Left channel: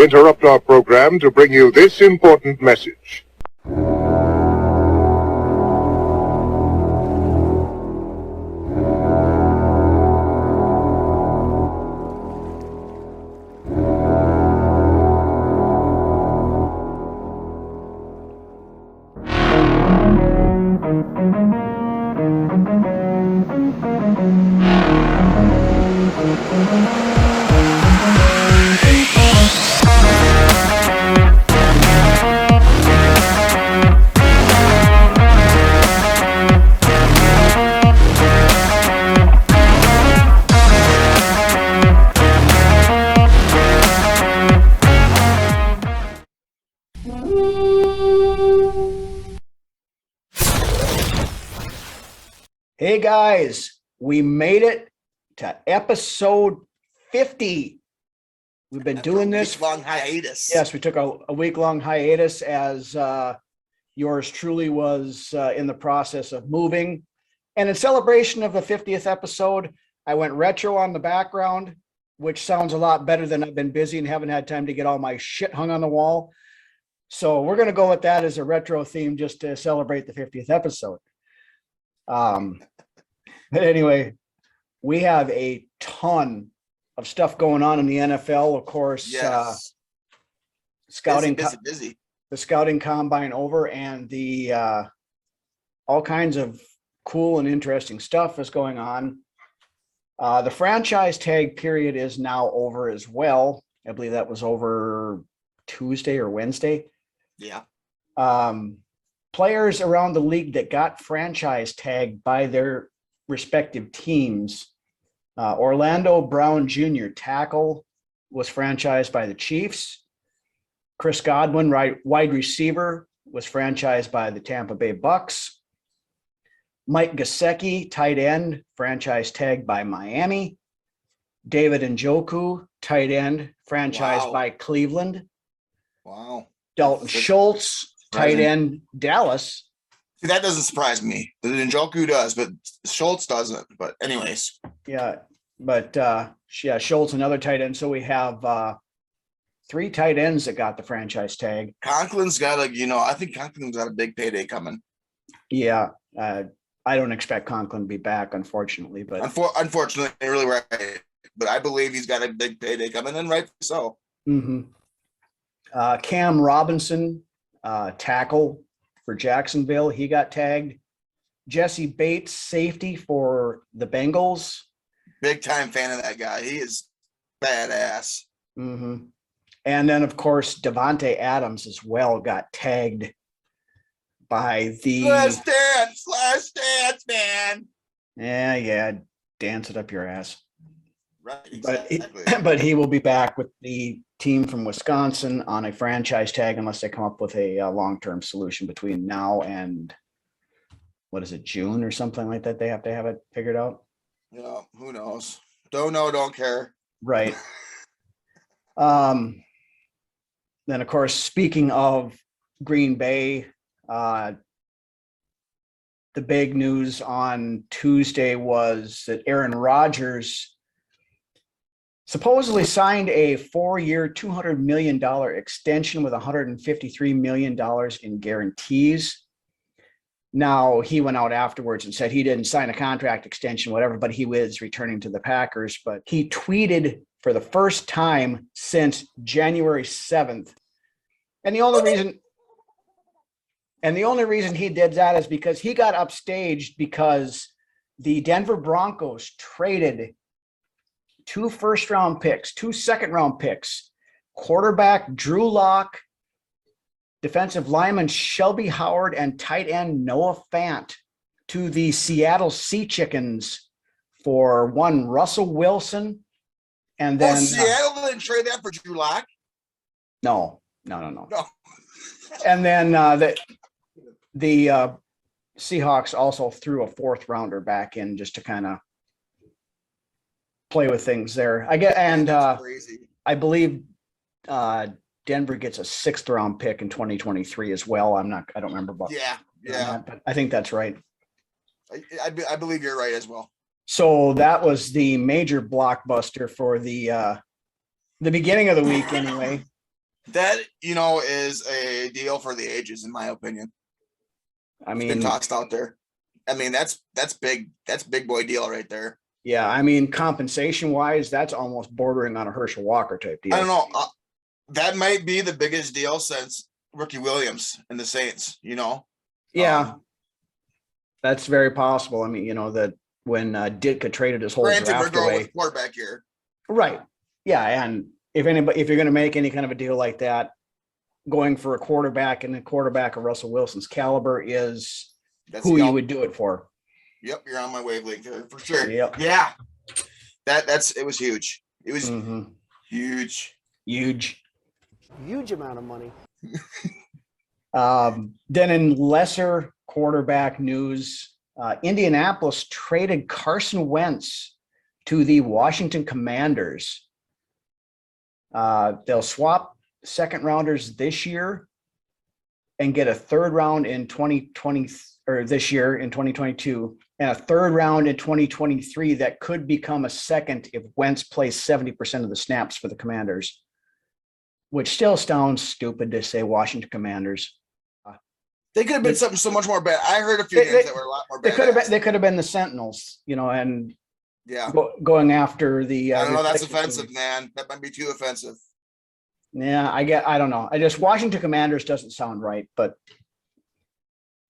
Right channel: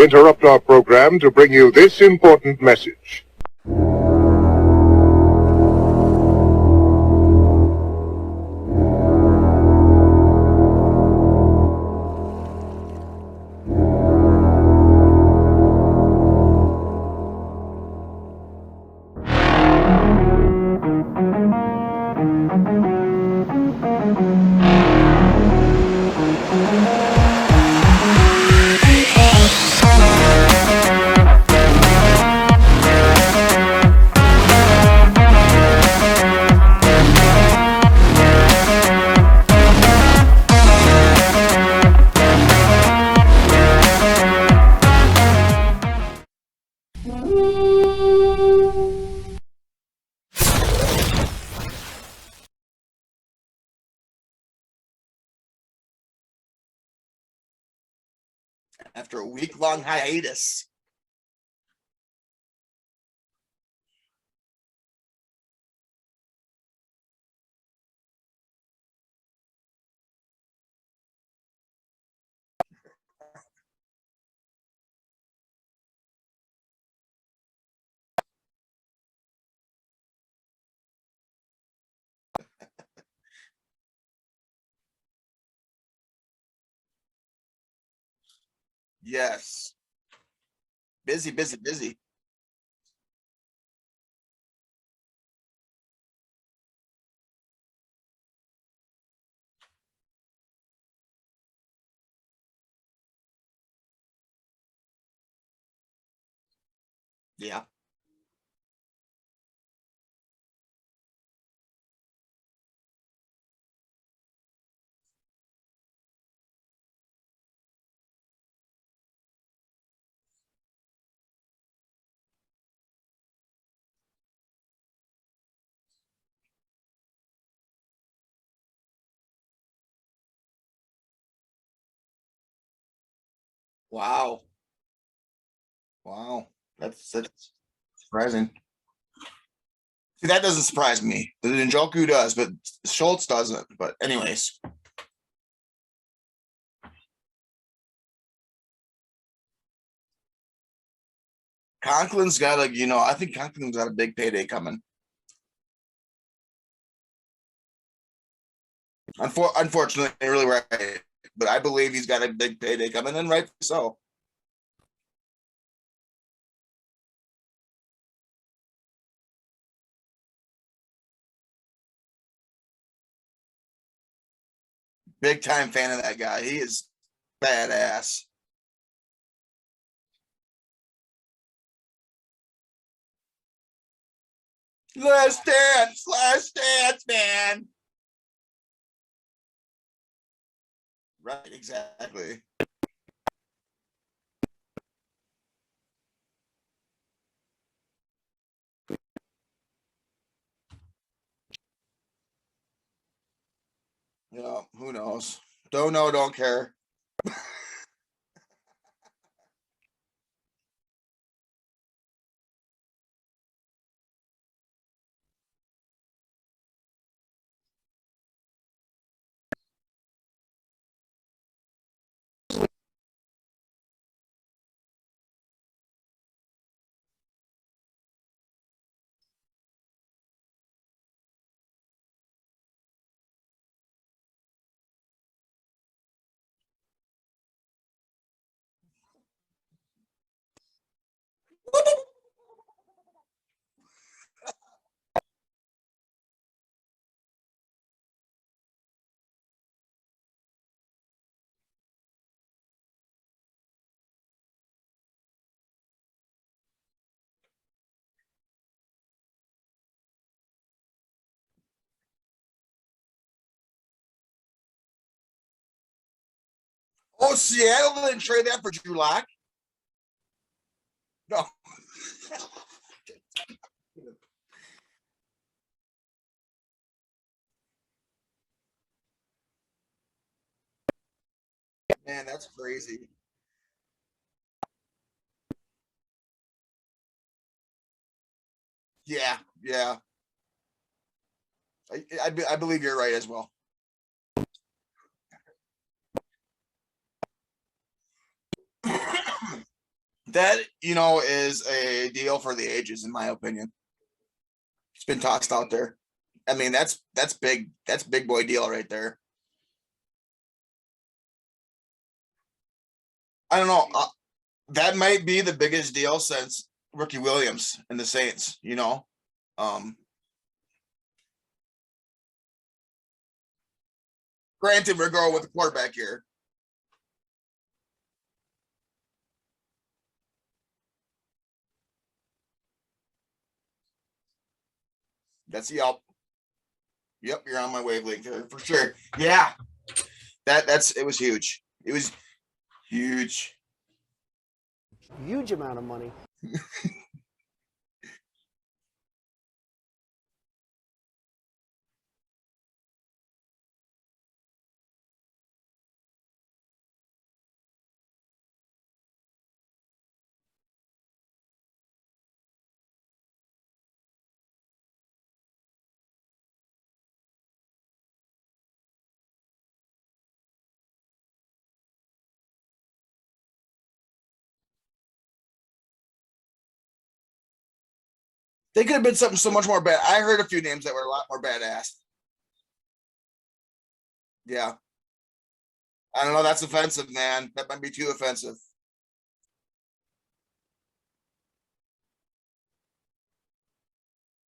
We interrupt our program to bring you this important message. Hey guys, we made it to episode 50. We've been After doing a this. week-long hiatus. Yes, we took a week-long hiatus as yours truly was in the process of moving. And in celebration of the 50th episode, I went retro on the background, which sounds a lot better than I've been busy and haven't had time to get all my shit hung on the wall. So we're going to go with that as a retro theme just to celebrate the 50th episode. But anyway, we have a ton of stuff going on in the NFL. Of course, Yes. scouting, Busy. the scouting combine over, and the all kinds of cool and interesting stuff is going on. The franchise tag period is now over as well. I believe that was over Tuesday or Wednesday. Yeah. Players around the league that got franchise tagged by their respective teams. Orlando Brown Jr., tackle, was franchised by the Chiefs. Chris Godwin, wide receiver, was franchised by the Tampa Bay Bucks. Mike Gesicki, tight end, franchise tagged by Miami. David Njoku, tight end, franchised by Cleveland. Wow. Dalton Schultz, tight end, Dallas. See, that doesn't surprise me. The Njoku does, but Schultz doesn't. But anyways. Yeah, but Schultz, another tight end. So we have three tight ends that got the franchise tag. Conklin's got I think Conklin's got a big payday coming. Yeah, I don't expect Conklin to be back, unfortunately. But unfortunately, really right. But I believe he's got a big payday coming, and rightfully so. Mm-hmm. Cam Robinson, tackle for Jacksonville, he got tagged. Jesse Bates, safety for the Bengals. Big time fan of that guy. He is badass. Mm-hmm. And then, of course, Devontae Adams as well got tagged by the Last dance, man. Yeah, dance it up your ass. Right, exactly. But he will be back with the team from Wisconsin on a franchise tag unless they come up with a long-term solution between now and June or something like that. They have to have it figured out. Yeah, who knows? Don't know, don't care. Right. Then, of course, speaking of Green Bay, the big news on Tuesday was that Aaron Rodgers supposedly signed a 4-year, $200 million extension with $153 million in guarantees. Now, he went out afterwards and said he didn't sign a contract extension, whatever, but he was returning to the Packers. But he tweeted for the first time since January 7th. And the only reason he did that is because he got upstaged because the Denver Broncos traded 2 first-round picks, 2 second-round picks, quarterback Drew Lock, defensive lineman Shelby Howard, and tight end Noah Fant to the Seattle Sea Chickens for one Russell Wilson. And then Seattle didn't trade that for Drew Lock? No. No. And then the Seahawks also threw a 4th rounder back in just to kind of play with things there. Crazy. I believe Denver gets a 6th round pick in 2023 as well. I don't remember about yeah. But I think that's right. I believe you're right as well. So that was the major blockbuster for the beginning of the week anyway. That, is a deal for the ages, in my opinion. I It's been mean, tossed out there. I mean, that's big. That's big boy deal right there. yeah, I mean, compensation wise, that's almost bordering on a Herschel Walker type deal. I don't know. That might be the biggest deal since Ricky Williams and the Saints, Yeah, that's very possible. I mean, that when Ditka traded his whole Granted, we're draft going away, with quarterback here. right? Yeah, and if you're going to make any kind of a deal like that, going for a quarterback and a quarterback of Russell Wilson's caliber is who you would do it for. Yep, you're on my wavelength here for sure. Yep. Yeah, it was huge. It was huge amount of money. Then in lesser quarterback news, Indianapolis traded Carson Wentz to the Washington Commanders. They'll swap second rounders this year and get a third round in 2020 or this year in 2022 and a third round in 2023 that could become a second if Wentz plays 70% of the snaps for the Commanders, which still sounds stupid to say Washington Commanders. They could have been something so much more bad. I heard a few names that were a lot more bad. They could have been the Sentinels, and yeah, going after the. I don't know. That's offensive, man. That might be too offensive. Yeah, I don't know. Washington Commanders doesn't sound right, but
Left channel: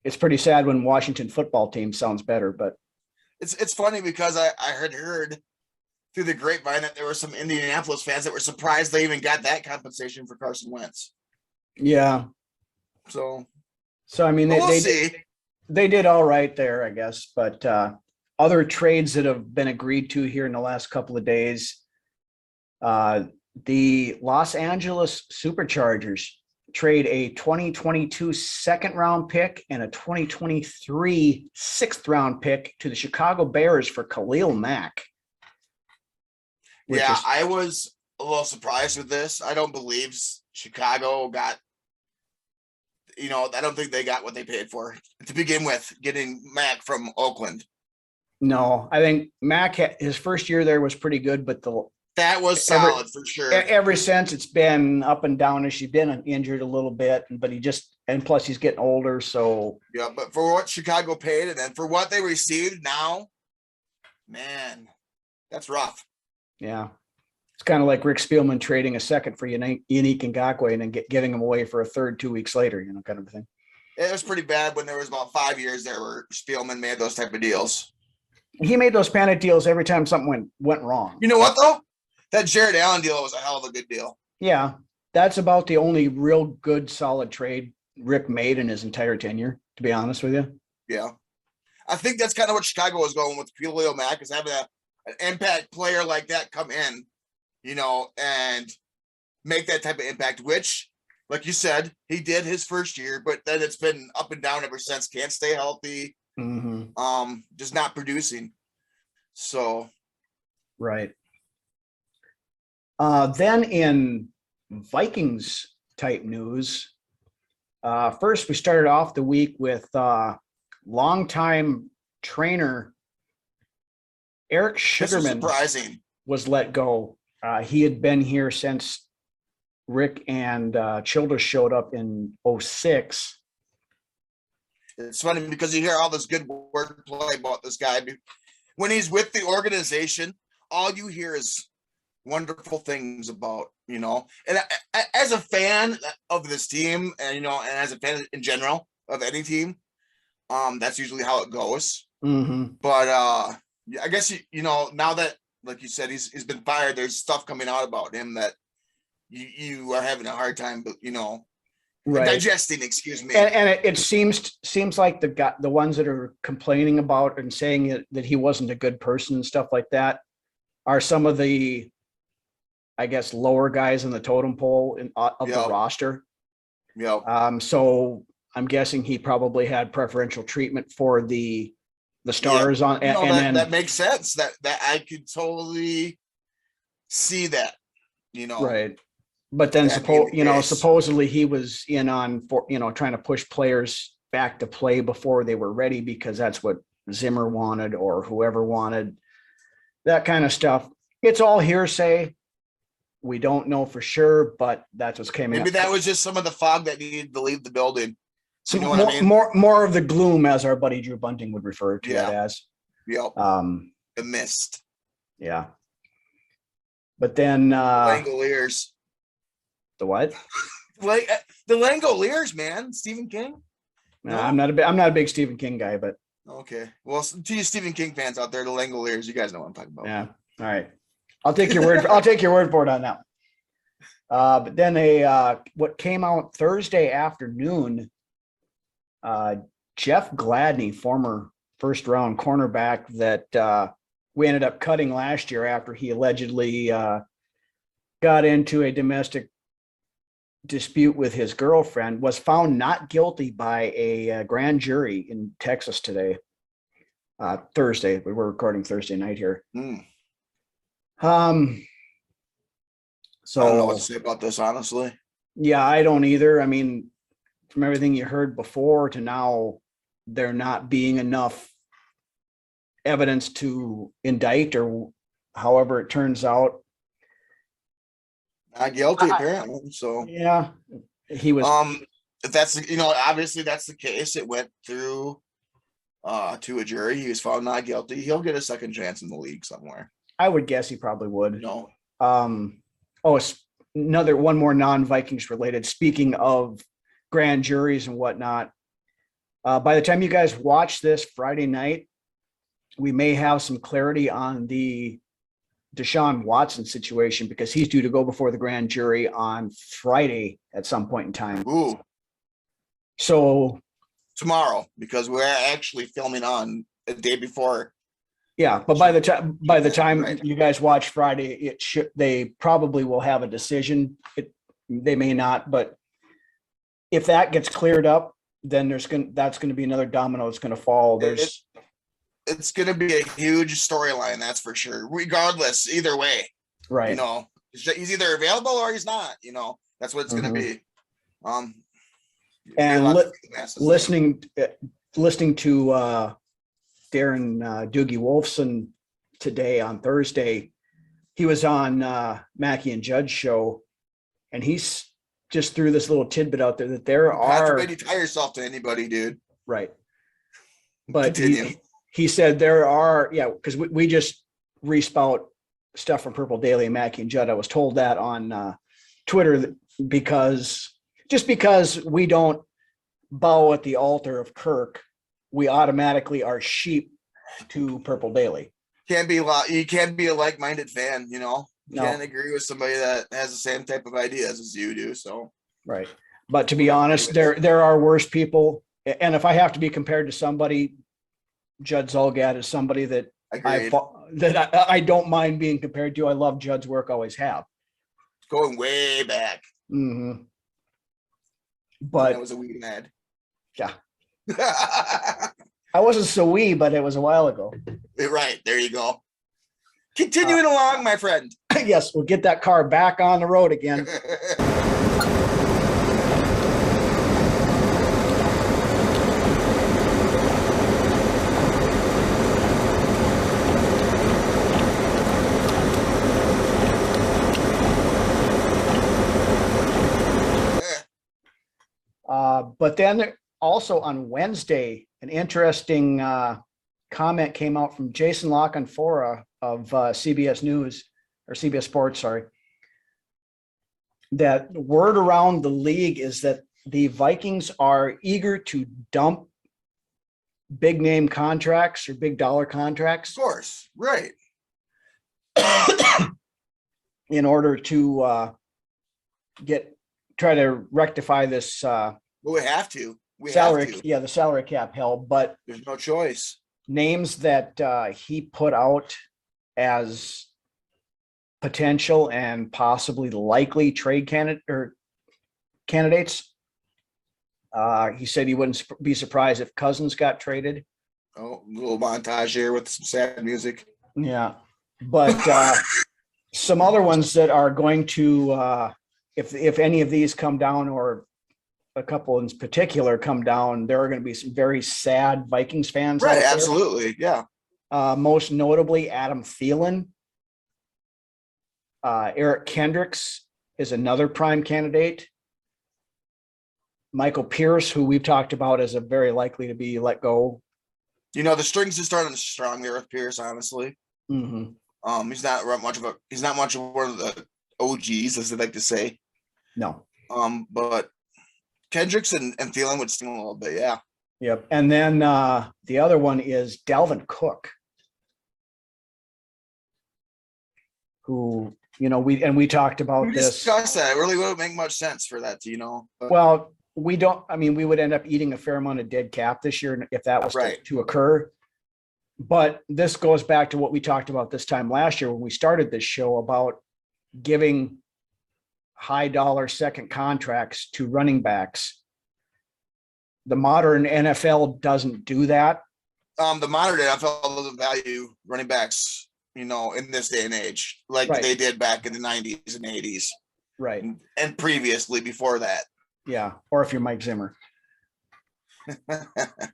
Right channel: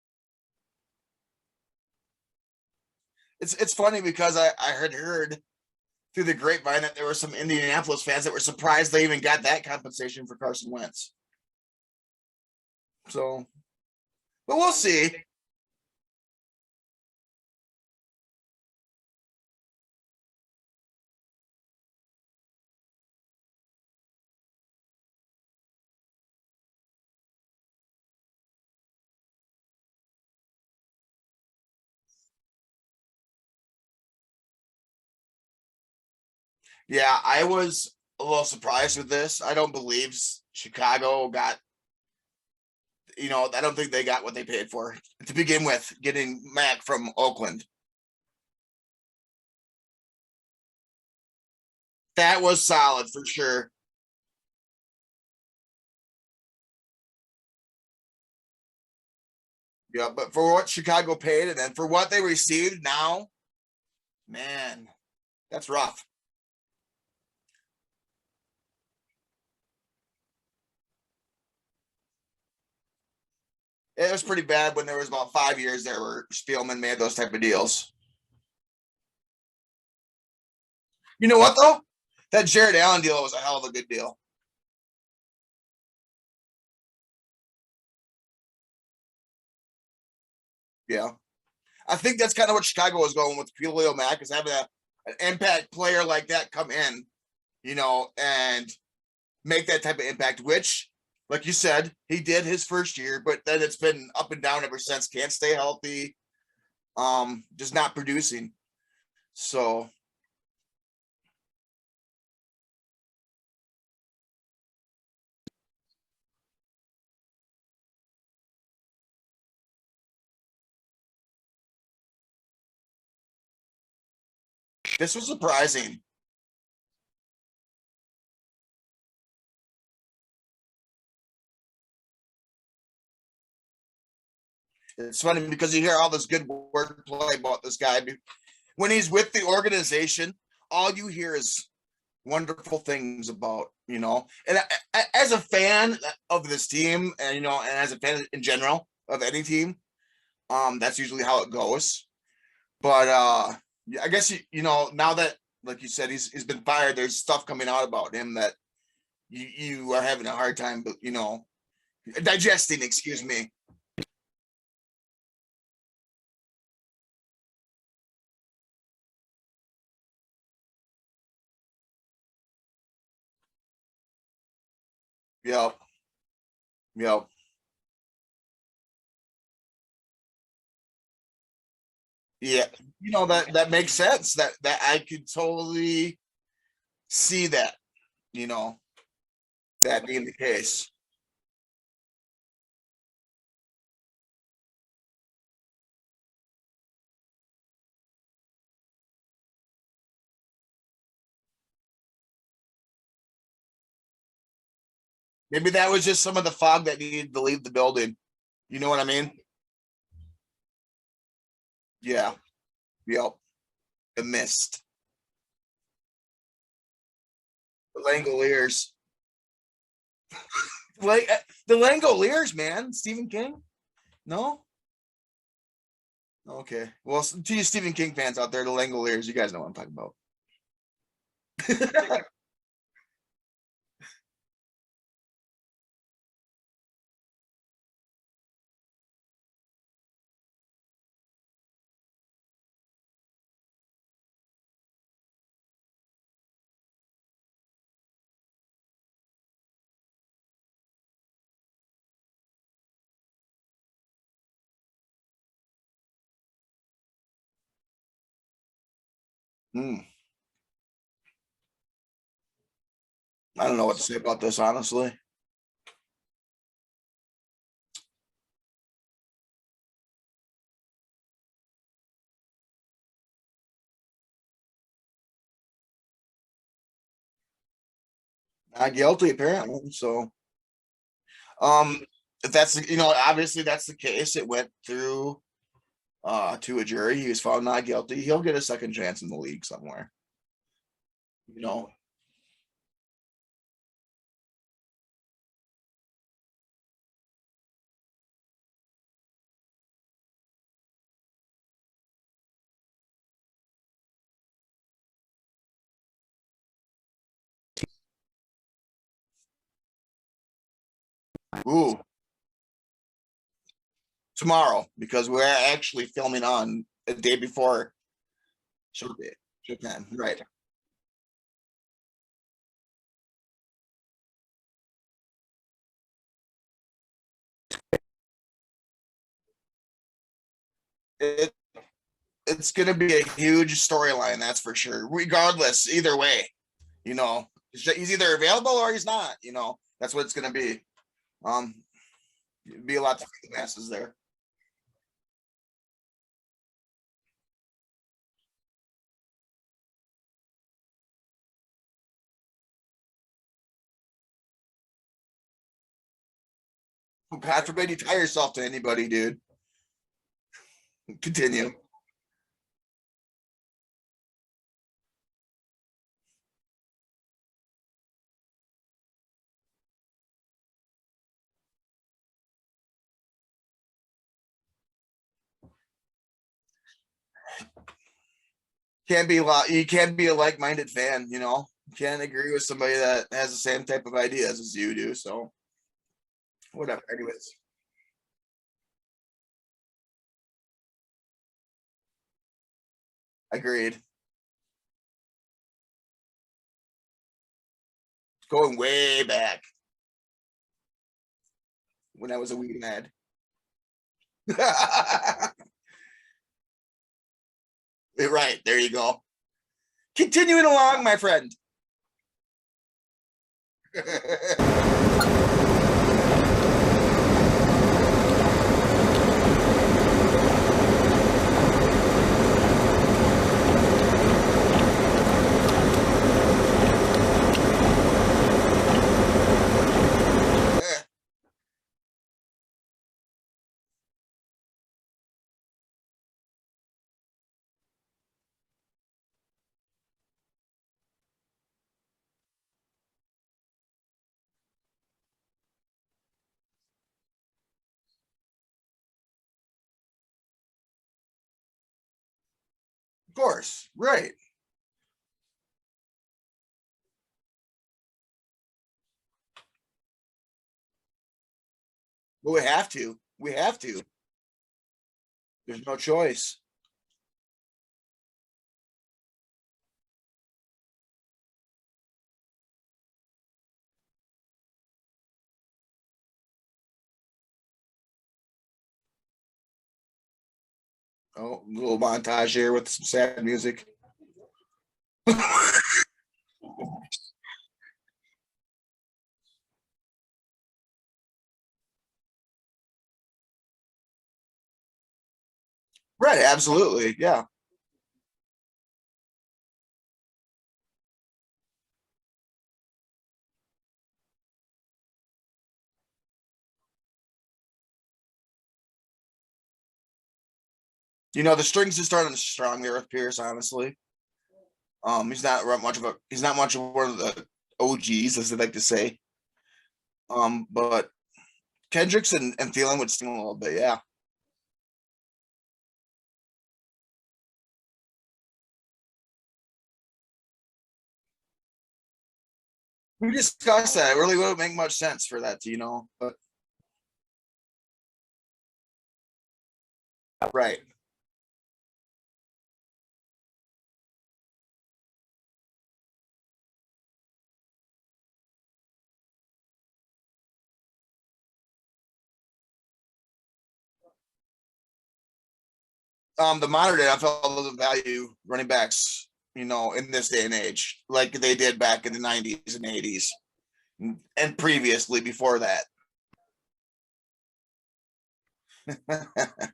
it's pretty sad when Washington football team sounds better. But it's funny because I heard through the grapevine that there were some Indianapolis fans that were surprised they even got that compensation for Carson Wentz. Yeah. So I mean, we'll see. They did all right there, I guess. But other trades that have been agreed to here in the last couple of days, the Los Angeles Superchargers trade a 2022 second round pick and a 2023 sixth round pick to the Chicago Bears for Khalil Mack. Yeah, I was a little surprised with this. I don't believe Chicago got, I don't think they got what they paid for to begin with, getting Mack from Oakland. No, I think Mack, his first year there was pretty good, but that was solid for sure. Ever since it's been up and down as she's been injured a little bit, but and plus he's getting older. So yeah, but for what Chicago paid and then for what they received now, man, that's rough. Yeah. It's kind of like Rick Spielman trading a second for Unique Ngakoue and then giving him away for a third 2 weeks later, kind of a thing. It was pretty bad when there was about 5 years there where Spielman made those type of deals. He made those panic deals every time something went wrong. You know what though? That Jared Allen deal was a hell of a good deal. Yeah, that's about the only real good, solid trade Rick made in his entire tenure, to be honest with you. Yeah. I think that's kind of what Chicago was going with Khalil Mack, is having an impact player like that come in, and make that type of impact, which, like you said, he did his first year, but then it's been up and down ever since. Can't stay healthy. Just not producing. So. Right. Then in Vikings type news, first we started off the week with longtime trainer Eric Sugarman. Surprising. Was let go. He had been here since Rick and Childress showed up in 2006. It's funny because you hear all this good wordplay about this guy. When he's with the organization, all you hear is wonderful things about, and as a fan of this team and as a fan in general of any team, that's usually how it goes. But I guess now that, like you said, he's been fired, there's stuff coming out about him that you are having a hard time, but right. Digesting, excuse me. And it seems like the ones that are complaining about and saying that he wasn't a good person and stuff like that are some of the, I guess, lower guys in the totem pole of the roster. Yeah. So I'm guessing he probably had preferential treatment for the stars on. That makes sense. That I could totally see that. Right. But then supposedly he was in on trying to push players back to play before they were ready because that's what Zimmer wanted or whoever wanted, that kind of stuff. It's all hearsay. We don't know for sure, but that's what's came. Maybe that was just some of the fog that needed to leave the building. So you know what I mean? More of the gloom, as our buddy Drew Bunting would refer to it as. Yep. The mist. Yeah. But then Langoliers. The what? Like the Langoliers, man. Stephen King. No, I'm not a big Stephen King guy, but okay. Well, to you Stephen King fans out there, the Langoliers, you guys know what I'm talking about. Yeah. All right. I'll take your word. I'll take your word for it on that one. But then what came out Thursday afternoon, Jeff Gladney, former first round cornerback that we ended up cutting last year after he allegedly got into a domestic dispute with his girlfriend, was found not guilty by a grand jury in Texas today. Thursday. We were recording Thursday night here. So I don't know what to say about this, honestly. Yeah, I don't either. I mean, from everything you heard before to now, there not being enough evidence to indict, or however it turns out. Not guilty, apparently. So yeah, he was. If that's obviously that's the case. It went through to a jury. He was found not guilty. He'll get a second chance in the league somewhere. I would guess he probably would. No. One more non-Vikings related. Speaking of grand juries and whatnot, by the time you guys watch this Friday night, we may have some clarity on the Deshaun Watson situation, because he's due to go before the grand jury on Friday at some point in time. Ooh. So tomorrow, because we're actually filming on the day before. Yeah, but by the time right. You guys watch Friday, they probably will have a decision. They may not, but if that gets cleared up, then that's going to be another domino that's going to fall. It's going to be a huge storyline, that's for sure. Regardless, either way, right? He's either available or he's not. That's what it's going to be. And listening to Darren Doogie Wolfson today on Thursday, he was on Mackey and Judd's show, and he's just threw this little tidbit out there that there are. Not to tie yourself to anybody, dude. Right. But continue. He said there are, because we just respout stuff from Purple Daily and Mackey and Judd. I was told that on Twitter because we don't bow at the altar of Kirk, we automatically are sheep to Purple Daily. You can't be a like-minded fan, You can't agree with somebody that has the same type of ideas as you do. So right. But to be honest, there are worse people. And if I have to be compared to somebody, Judd Zulgad is somebody that I don't mind being compared to. I love Judd's work, always have. Going way back. Mm-hmm. But that was a wee lad. Yeah. I wasn't so wee, but it was a while ago. Right. There you go. Continuing along, my friend. Yes, we'll get that car back on the road again. But then also on Wednesday, an interesting comment came out from Jason Lockenfora of CBS News, or CBS Sports, sorry, that word around the league is that the Vikings are eager to dump big name contracts or big dollar contracts. Of course, right. In order to try to rectify this. We have to. The salary cap held, but there's no choice. Names that he put out as potential and possibly likely trade candidates. He said he wouldn't be surprised if Cousins got traded. Oh, a little montage here with some sad music. Yeah, but some other ones that are going to, if any of these come down, or a couple in particular come down, there are going to be some very sad Vikings fans. Right, absolutely, yeah. Most notably, Adam Thielen. Eric Kendricks is another prime candidate. Michael Pierce, who we've talked about as a very likely to be let go. You know, the strings are starting strong there with Pierce, honestly. Mm-hmm. He's not much of one of the OGs, as they like to say. No. But Kendricks and Thielen would sting a little bit, yeah. Yep. And then the other one is Dalvin Cook, who, you know, we talked about We this. discussed that. It really wouldn't make much sense for that, you know. But, Well, we would end up eating a fair amount of dead cap this year if that was right to occur. But this goes back to what we talked about this time last year when we started this show about giving high dollar second contracts to running backs. The modern NFL doesn't do that. The modern NFL doesn't value running backs, you know, in this day and age, like Right. they did back in the 90s and 80s. Right. And previously before that. Yeah. Or if you're Mike Zimmer.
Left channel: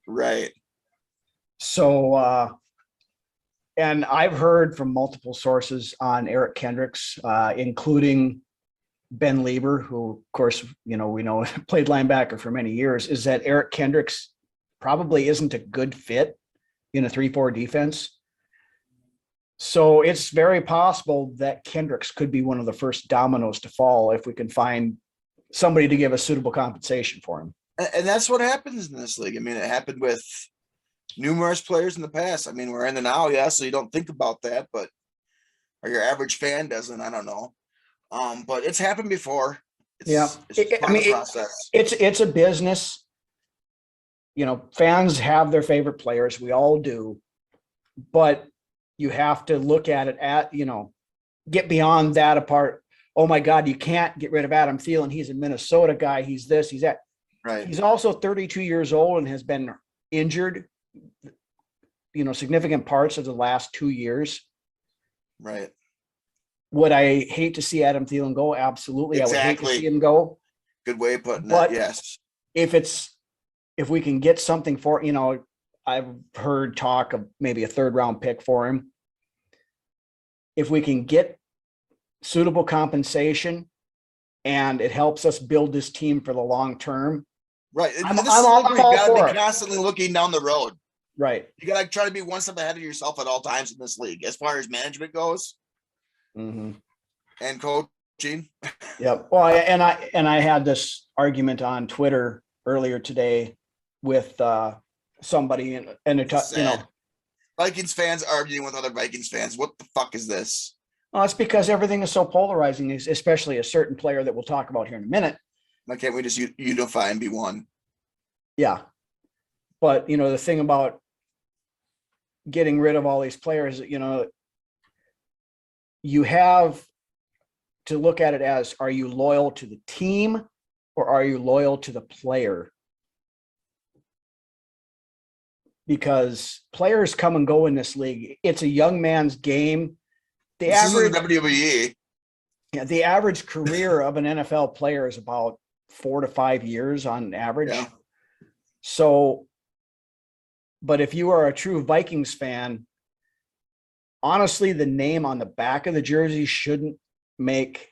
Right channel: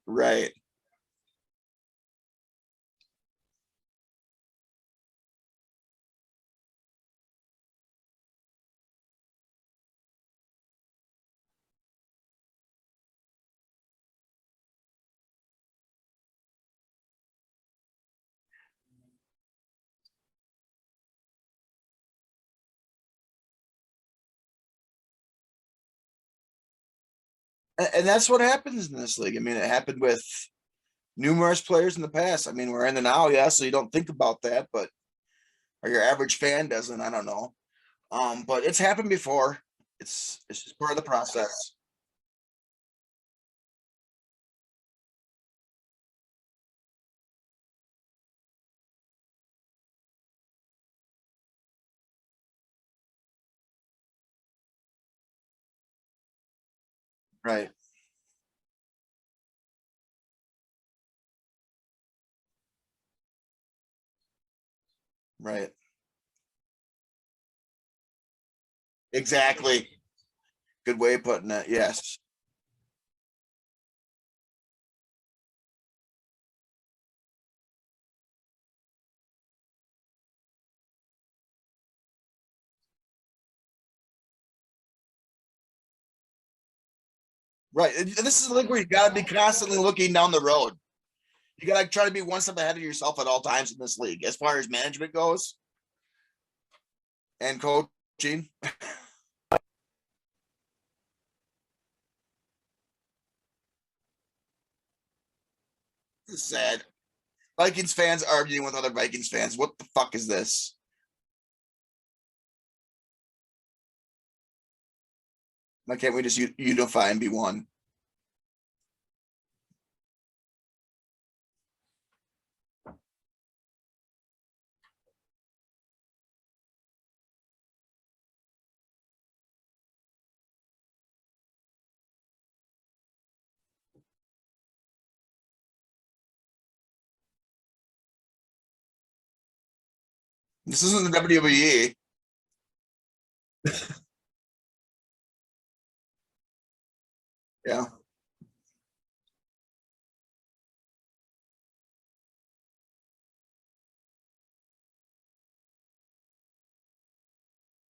Right. So, and I've heard from multiple sources on Eric Kendricks, including Ben Lieber, who, of course, you know, we know played linebacker for many years, is that Eric Kendricks probably isn't a good fit in a 3-4 defense. So it's very possible that Kendricks could be one of the first dominoes to fall if we can find somebody to give a suitable compensation for him. And that's what happens in this league. I mean, it happened with numerous players in the past. I mean, we're in the now, yeah, so you don't think about that, but or your average fan doesn't. I don't know. But it's happened before. It's part of the process. It's a business. You know, fans have their favorite players. We all do, but you have to look at it get beyond that apart. Oh my God, you can't get rid of Adam Thielen. He's a Minnesota guy. He's this, he's that. Right. He's also 32 years old and has been injured, you know, significant parts of the last 2 years. Right. Would I hate to see Adam Thielen go? Absolutely. Exactly. I would hate to see him go. Good way of putting But it. Yes. If we can get something for, you know, I've heard talk of maybe a 3rd round pick for him. If we can get suitable compensation and it helps us build this team for the long term. Right. And this is like where you got to be constantly looking down the road. Right. You got to try to be one step ahead of yourself at all times in this league, as far as management goes. Mm-hmm. And coaching. Yep. Well, and I had this argument on Twitter earlier today with somebody, and it, you know, Vikings fans arguing with other Vikings fans. What the fuck is this? Well, it's because everything is so polarizing, especially a certain player that we'll talk about here in a minute. Why can't we just unify and be one? Yeah. But, you know, the thing about getting rid of all these players, you know, you have to look at it as, are you loyal to the team or are you loyal to the player? Because players come and go in this league. It's a young man's game. This isn't the WWE. Yeah, the average career of an NFL player is about 4 to 5 years on average. Yeah. So, but if you are a true Vikings fan, honestly, the name on the back of the jersey shouldn't make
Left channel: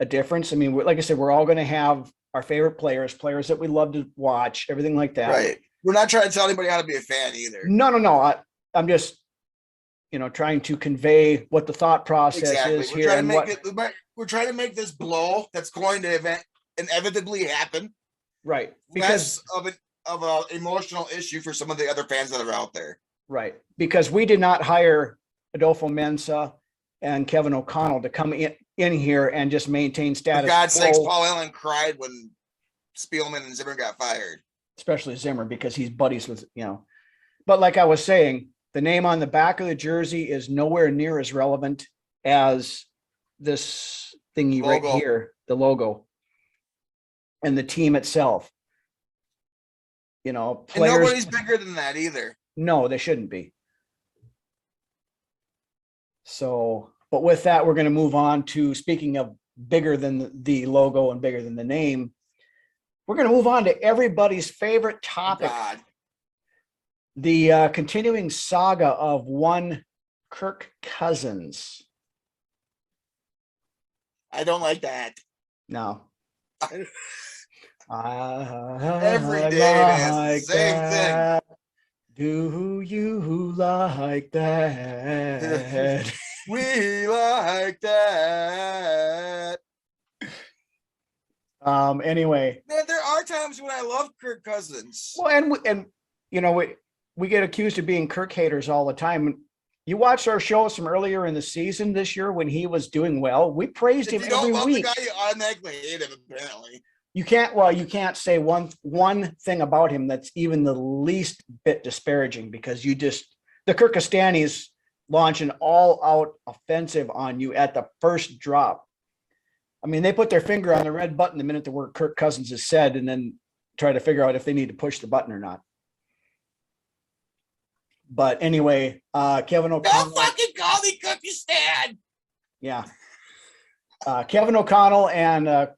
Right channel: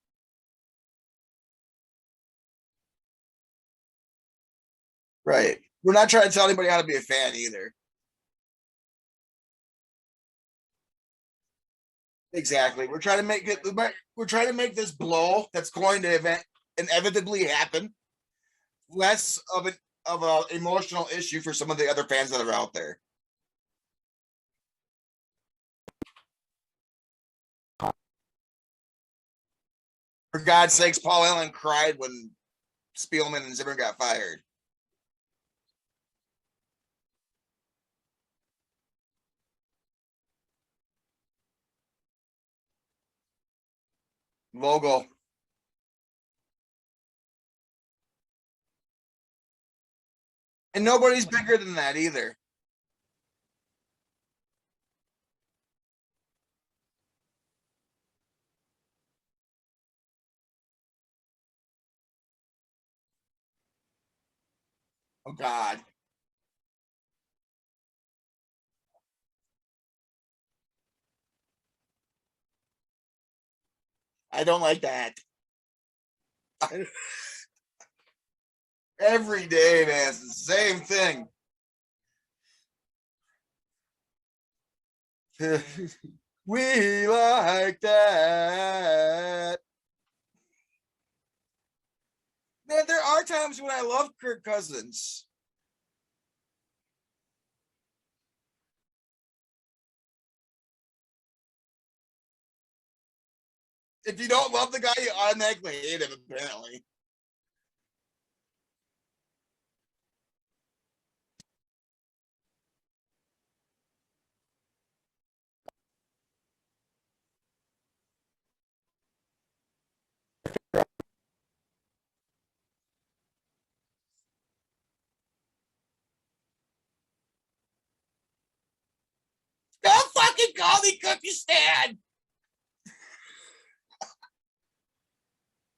a difference. I mean, like I said, we're all going to have our favorite players that we love to watch, everything like that. Right. We're not trying to tell anybody how to be a fan either. No. I'm just, you know, trying to convey what the thouut process is. We're trying to make this blow that's going to inevitably happen. Right. Less of an emotional issue for some of the other fans that are out there. Right. Because we did not hire Adofo-Mensah and Kevin O'Connell to come in here and just maintain status. For God's sakes, Paul Allen cried when Spielman and Zimmer got fired. Especially Zimmer, because he's buddies with, you know. But like I was saying, the name on the back of the jersey is nowhere near as relevant as this thingy right here, the logo, and the team itself. You know, and nobody's bigger than that either. No, they shouldn't be. So, but with that, we're going to move on to, speaking of bigger than the logo and bigger than the name, we're going to move on to everybody's favorite topic. Oh God. The continuing saga of one Kirk Cousins. I don't like that. No. Every day, man, it's the same thing. Do you like that? We like that. Anyway. Man, there are times when I love Kirk Cousins. Well, and you know, we get accused of being Kirk haters all the time. You watched our shows from earlier in the season this year when he was doing well. We praised him. If you don't love week. the guy, you automatically hate him, apparently. You can't say one thing about him that's even the least bit disparaging, because the Kirkistanis launch an all-out offensive on you at the first drop. I mean, they put their finger on the red button the minute the word Kirk Cousins is said, and then try to figure out if they need to push the button or not. But anyway, Kevin O'Connell. Don't fucking call me Kirkistan. Yeah. Kevin O'Connell and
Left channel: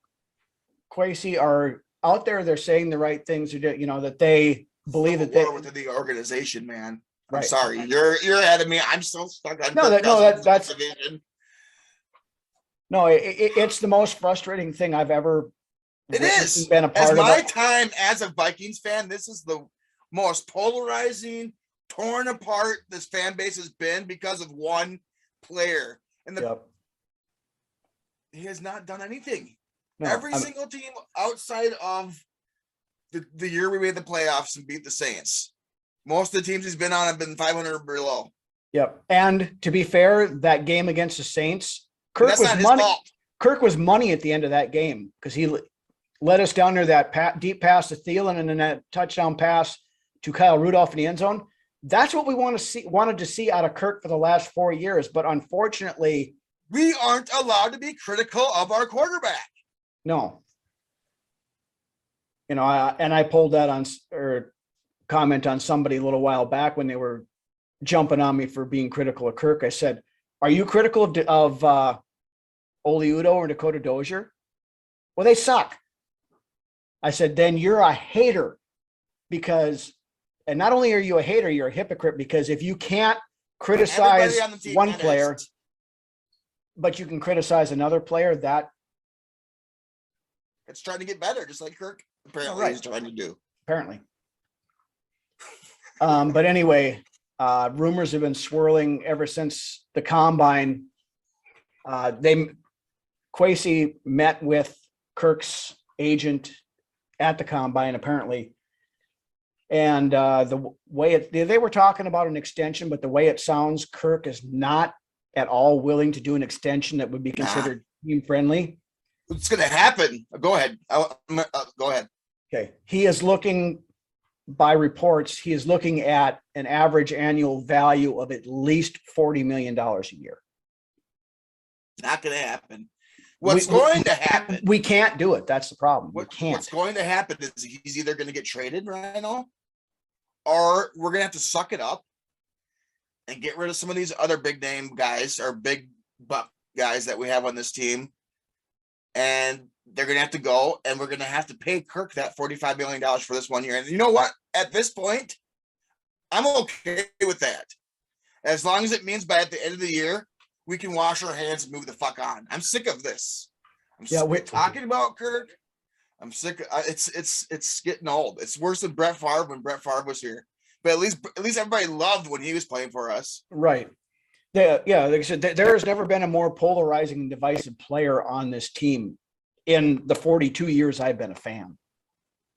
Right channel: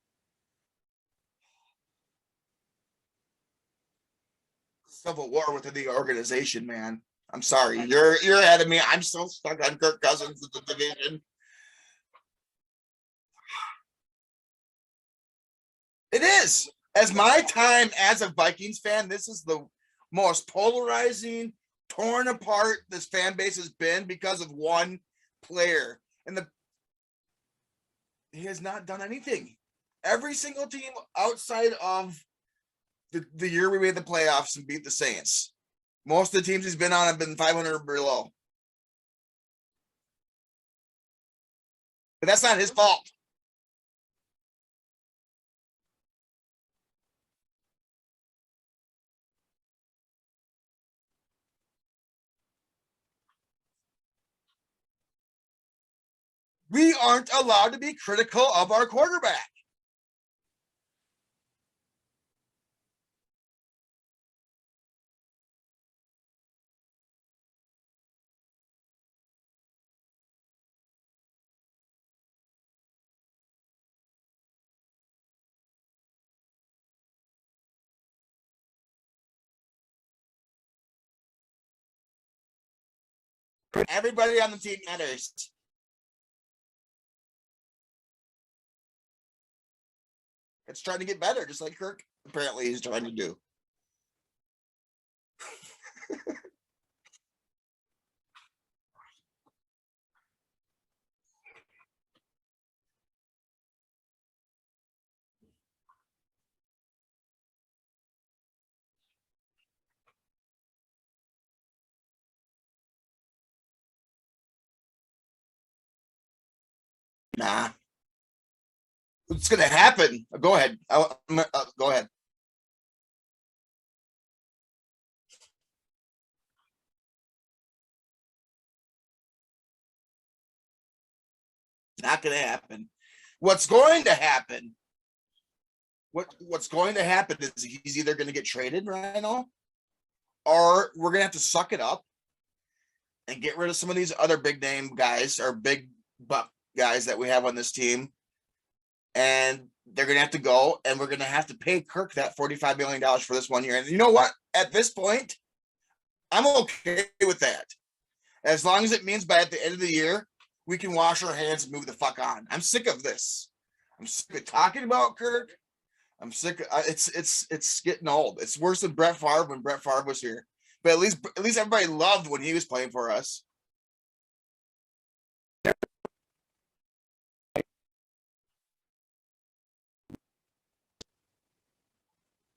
Kwesi are out there. They're saying the right things. That they believe that war within the organization, man. I'm right. sorry. You're ahead of me. I'm still stuck on Kirk Cousins. That's division. No, it's the most frustrating thing I've ever. It is. Been a part as of my it. time as a Vikings fan, this is the most polarizing, torn apart this fan base has been because of one player. And he has not done anything. No, Every single team outside of the year we made the playoffs and beat the Saints, most of the teams he's been on have been 500 or below. Yep. And to be fair, that game against the Saints, that's not his fault. Kirk was money at the end of that game because he led us down there that deep pass to Thielen and then that touchdown pass to Kyle Rudolph in the end zone. That's what we wanted to see out of Kirk for the last 4 years. But unfortunately, we aren't allowed to be critical of our quarterback. No. I pulled that on or comment on somebody a little while back when they were jumping on me for being critical of Kirk. I said, "Are you critical of Oli Udoh or Dakota Dozier?" Well, they suck. I said, then you're a hater and not only are you a hater, you're a hypocrite, because if you can't criticize on the team, one player, but you can criticize another player, it's trying to get better, just like Kirk apparently is trying to do. Apparently. But anyway, rumors have been swirling ever since the combine. Kwesi met with Kirk's agent at the combine, apparently. And the way they were talking about an extension, but the way it sounds, Kirk is not at all willing to do an extension that would be considered team friendly. It's going to happen. Go ahead. Go ahead. Okay. He is looking, by reports, at an average annual value of at least $40 million a year. Not going to happen. What's going to happen? We can't do it. That's the problem. What's going to happen is he's either going to get traded right now, or we're going to have to suck it up and get rid of some of these other big name guys or big buck guys that we have on this team. And they're going to have to go, and we're going to have to pay Kirk that $45 million for this 1 year. And you know what? At this point, I'm okay with that. As long as it means by at the end of the year, we can wash our hands and move the fuck on. I'm sick of this. We're talking about Kirk. I'm sick. It's getting old. It's worse than Brett Favre when Brett Favre was here. But at least everybody loved when he was playing for us. Right. Like I said, there has never been a more polarizing and divisive player on this team in the 42 years I've been a fan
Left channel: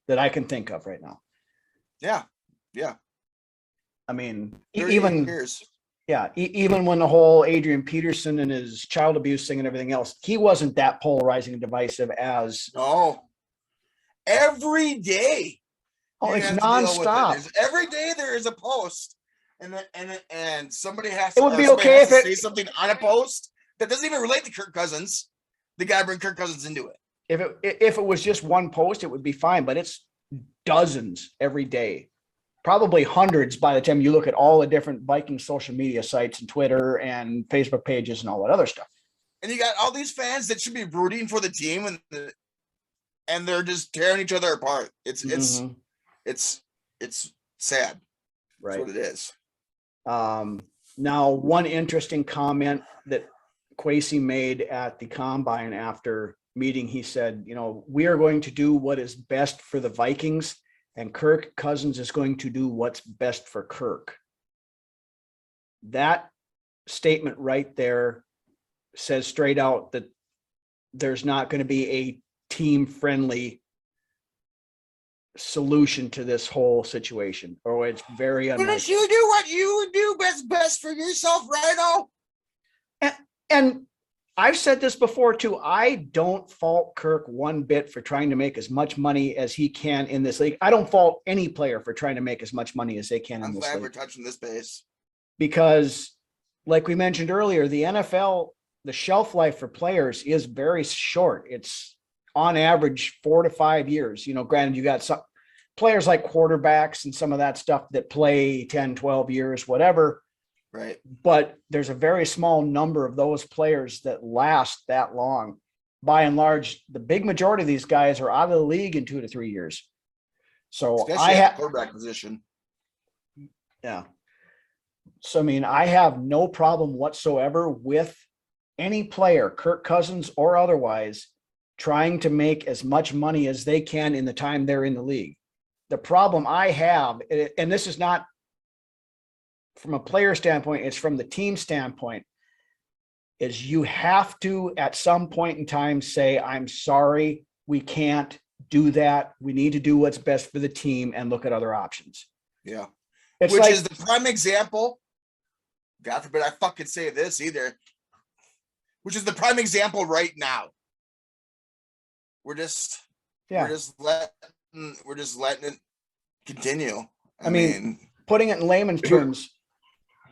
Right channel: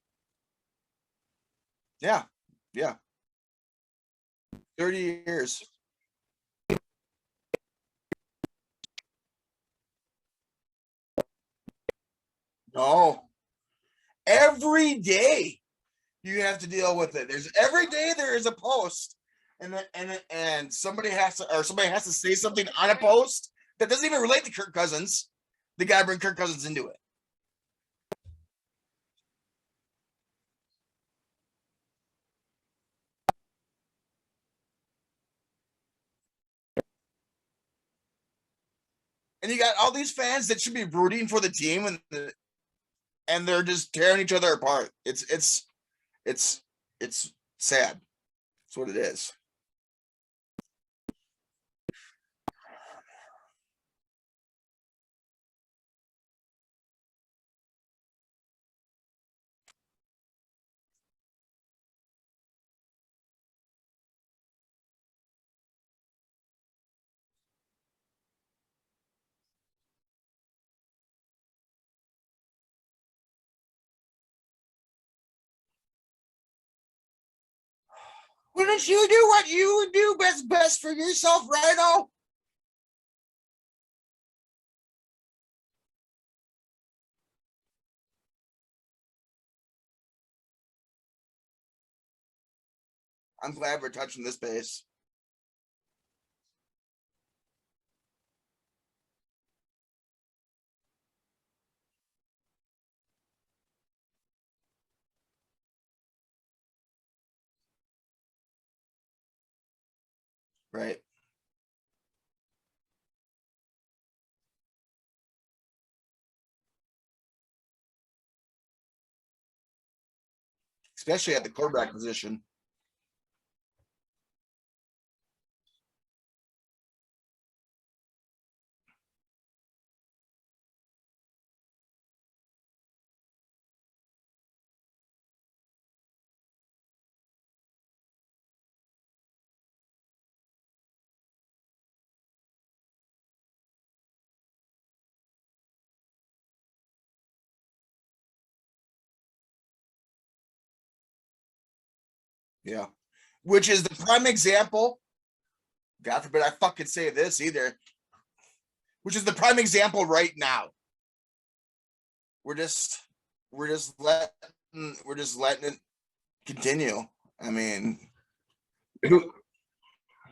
that I can think of right now. Yeah. I mean, 30 even years. Yeah, even when the whole Adrian Peterson and his child abuse thing and everything else, he wasn't that polarizing and divisive as. No. Every day you have to deal with it. Every day there is a post, and somebody has to. It would be okay if say something on a post that doesn't even relate to Kirk Cousins. They got to bring Kirk Cousins into it. If it was just one post, it would be fine, but it's dozens every day. Probably hundreds by the time you look at all the different Viking social media sites and Twitter and Facebook pages and all that other stuff. And you got all these fans that should be rooting for the team, and they're just tearing each other apart. It's sad. Right. That's what it is. Now, one interesting comment that Kwesi made at the combine after meeting. He said, we are going to do what is best for the Vikings, and Kirk Cousins is going to do what's best for Kirk. That statement right there says straight out that there's not going to be a team-friendly solution to this whole situation, or it's very unlikely. Wouldn't you do what you do best for yourself, Rhino? And I've said this before too. I don't fault Kirk one bit for trying to make as much money as he can in this league. I don't fault any player for trying to make as much money as they can. I'm glad we're touching this base, because like we mentioned earlier, the NFL, the shelf life for players is very short. It's on average 4 to 5 years. Granted, you got some players like quarterbacks and some of that stuff that play 10, 12 years, whatever. right? But there's a very small number of those players that last that long. By and large, the big majority of these guys are out of the league in 2 to 3 years. So Especially at the quarterback position. Yeah. So, I have no problem whatsoever with any player, Kirk Cousins or otherwise, trying to make as much money as they can in the time they're in the league. The problem I have, and this is not from a player standpoint, it's from the team standpoint, is you have to, at some point in time, say, I'm sorry, we can't do that. We need to do what's best for the team and look at other options. Yeah. It's Which like, is the prime example. God forbid I fucking say this either. Which is the prime example right now. We're just letting it continue. I mean, putting it in layman's terms,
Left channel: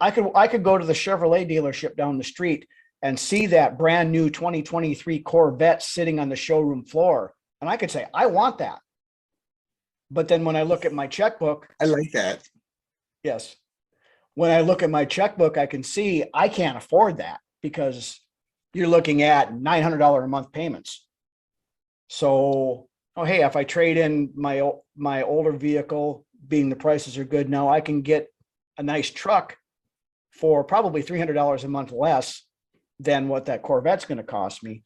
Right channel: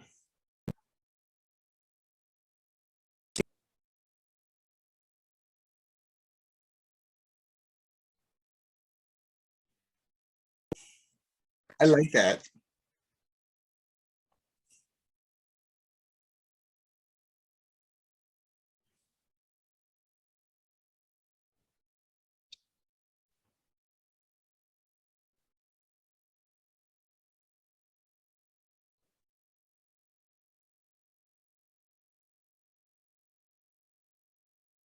I could go to the Chevrolet dealership down the street and see that brand new 2023 Corvette sitting on the showroom floor, and I could say, I want that. But then when I look at my checkbook, I like that. yes. When I look at my checkbook, I can see I can't afford that, because you're looking at $900 a month payments. So, hey, if I trade in my older vehicle, being the prices are good now, I can get a nice truck for probably $300 a month less than what that Corvette's going to cost me.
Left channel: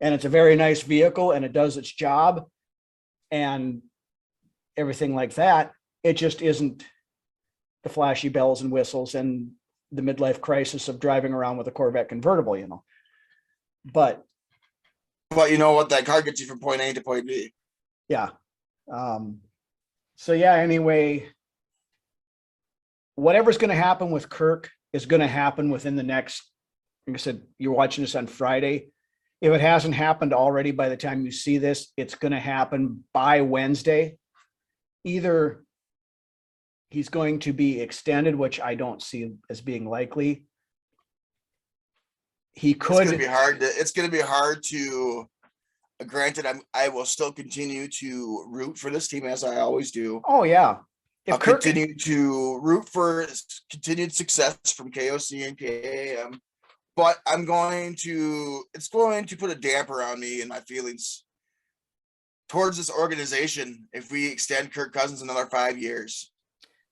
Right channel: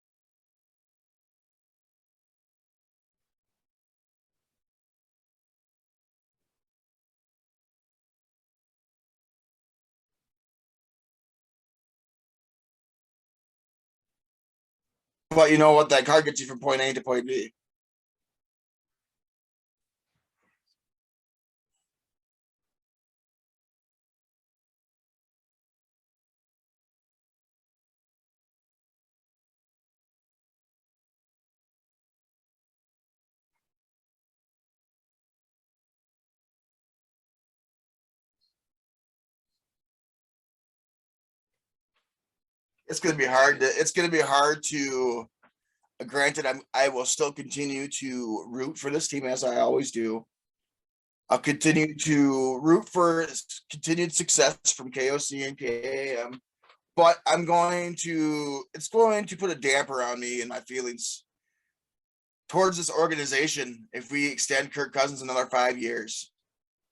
And it's a very nice vehicle, and it does its job and everything like that. It just isn't the flashy bells and whistles and the midlife crisis of driving around with a Corvette convertible, But you know what? That car gets you from point A to point B. Yeah. So yeah, anyway, whatever's going to happen with Kirk is going to happen within the next, like I said, you're watching this on Friday. If it hasn't happened already by the time you see this, it's going to happen by Wednesday. Either he's going to be extended, which I don't see as being likely. He could. It's going to be hard to. Granted, I will still continue to root for this team as I always do. Oh yeah. I'll continue to root for continued success from KOC and KAM, but it's going to put a damper on me and my feelings towards this organization if we extend Kirk Cousins another 5 years.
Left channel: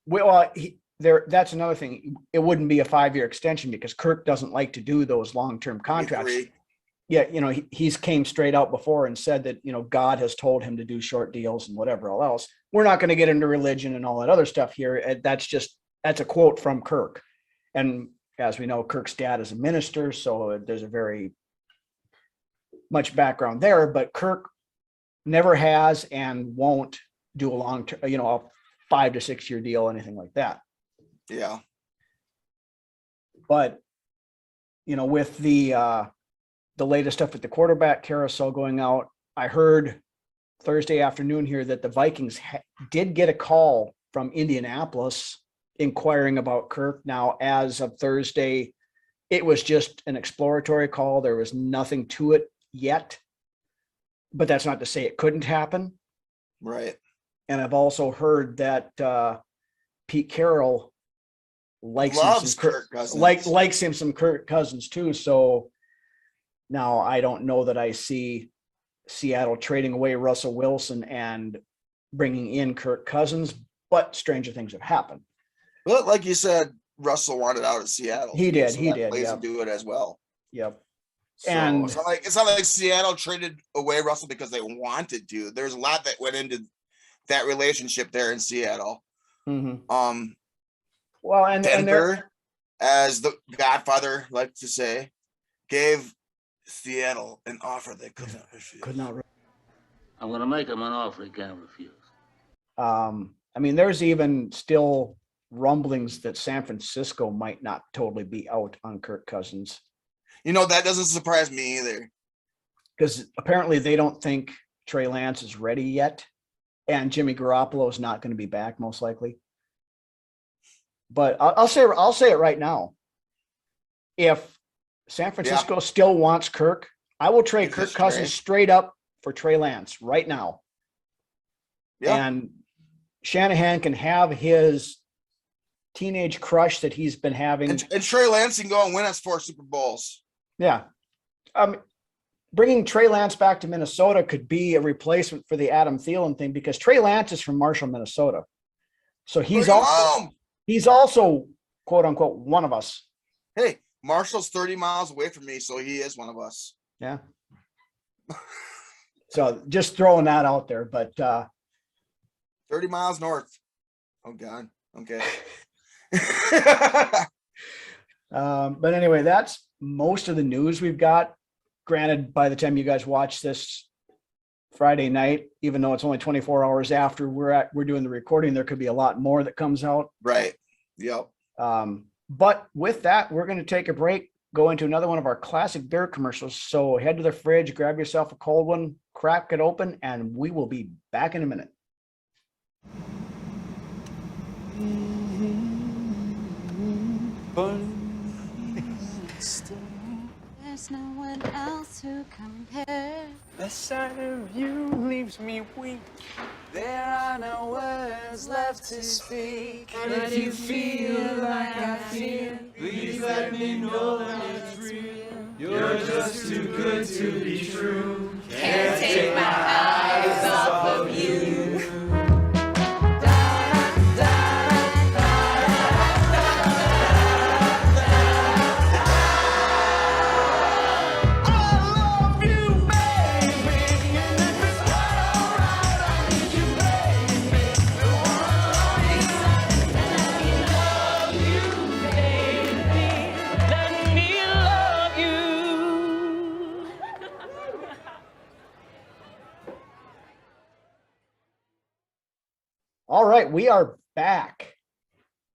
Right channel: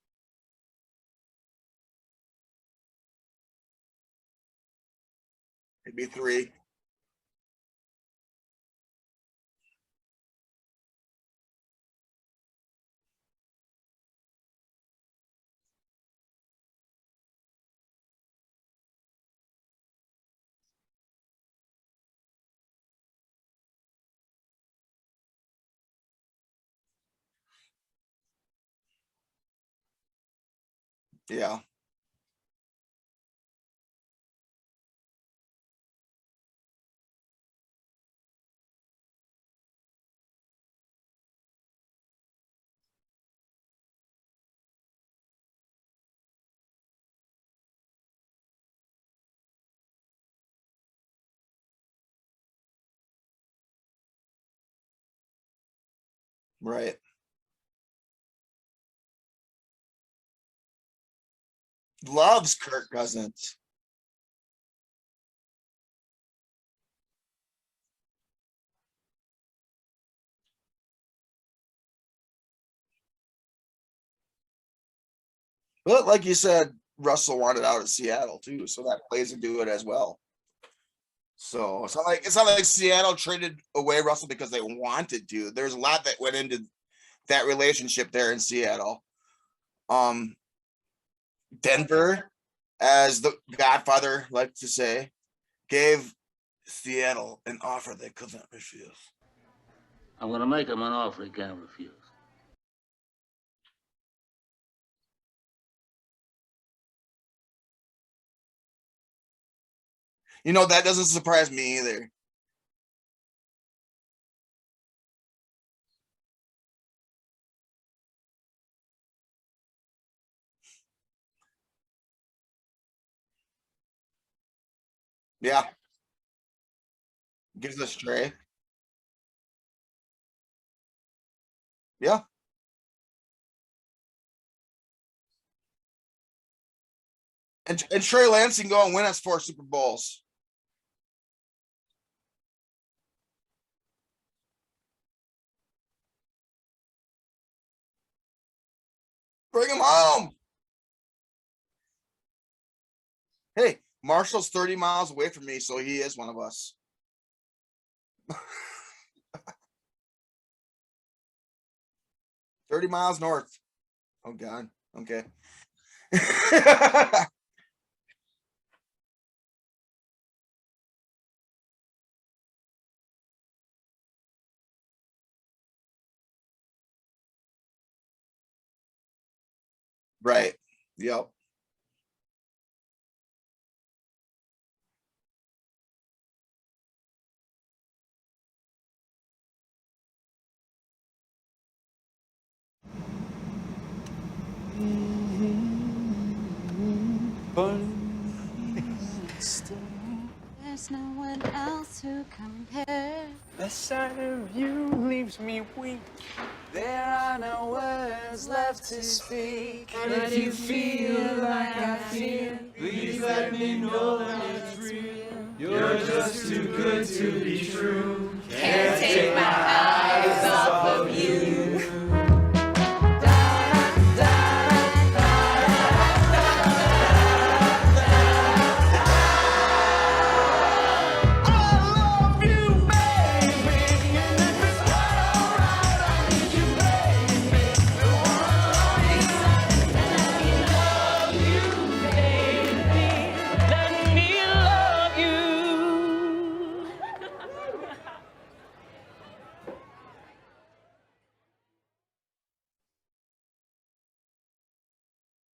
Well, that's another thing. It wouldn't be a 5-year extension because Kirk doesn't like to do those long-term contracts. Yeah, he's came straight out before and said that, God has told him to do short deals and whatever else. We're not going to get into religion and all that other stuff here. That's a quote from Kirk. And as we know, Kirk's dad is a minister, so there's a very much background there, but Kirk never has and won't do a long-term, a 5 to 6 year deal, anything like that. Yeah. But, with the latest stuff with the quarterback carousel going out, I heard Thursday afternoon here that the Vikings did get a call from Indianapolis inquiring about Kirk. Now, as of Thursday, it was just an exploratory call. There was nothing to it yet, but that's not to say it couldn't happen. Right. And I've also heard that Pete Carroll loves Kirk Cousins, likes him some Kirk Cousins too. So now I don't know that I see Seattle trading away Russell Wilson and bringing in Kirk Cousins, but stranger things have happened. Well, like you said, Russell wanted out of Seattle. He did. Plays into it as well. Yep. So And it's not like Seattle traded away Russell because they wanted to. There's a lot that went into that relationship there in Seattle. well, and Denver, as the Godfather likes to say, gave Seattle an offer they could not refuse. I'm going to make him an offer he can't refuse. I mean, there's even still rumblings that San Francisco might not totally be out on Kirk Cousins. You know, that doesn't surprise me either. Because apparently they don't think Trey Lance is ready yet. And Jimmy Garoppolo is not going to be back, most likely. But I'll say it right now. If San Francisco still wants Kirk, I will trade Kirk Cousins straight up for Trey Lance right now. Yeah. And Shanahan can have his teenage crush that he's been having. And Trey Lance can go and win us 4 Super Bowls. Yeah. Bringing Trey Lance back to Minnesota could be a replacement for the Adam Thielen thing because Trey Lance is from Marshall, Minnesota. So he's also, quote unquote, one of us. Hey, Marshall's 30 miles away from me, so he is one of us. Yeah. So just throwing that out there, but 30 miles north. Oh God. Okay. But anyway, that's most of the news we've got. Granted, by the time you guys watch this Friday night, even though it's only 24 hours after we're doing the recording, there could be a lot more that comes out. Right. Yep. But with that, we're going to take a break, go into another one of our classic beer commercials. So head to the fridge, grab yourself a cold one, crack it open, and we will be back in a minute. There's no one else to compare. The sight of you leaves me weak. There are no words left to speak. And if you feel like I feel, please let me know that it's real. You're just too good to be true. Can't take my eyes off of you. All right, we are back.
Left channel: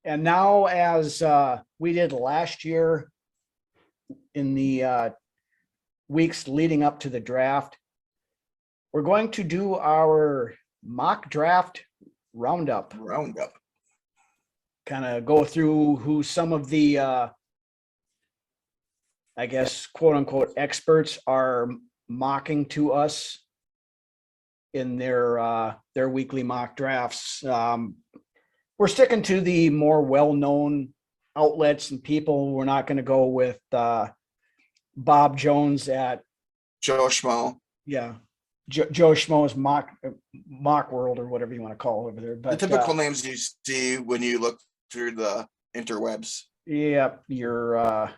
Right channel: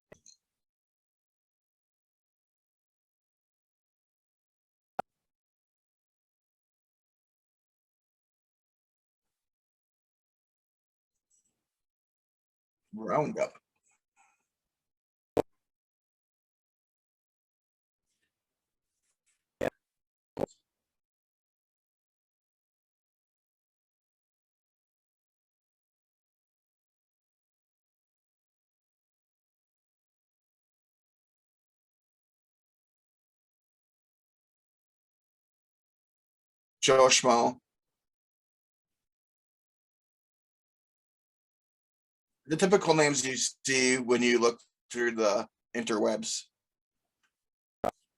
And now, as we did last year in the weeks leading up to the draft, we're going to do our mock draft roundup. Kind of go through who some of the, I guess, quote unquote, experts are mocking to us in their weekly mock drafts. We're sticking to the more well-known outlets and people. We're not going to go with Bob Jones at Joe Schmo. Yeah, Joe Schmo's mock world or whatever you want to call it over there. But the typical names you see when you look through the interwebs. Yeah, your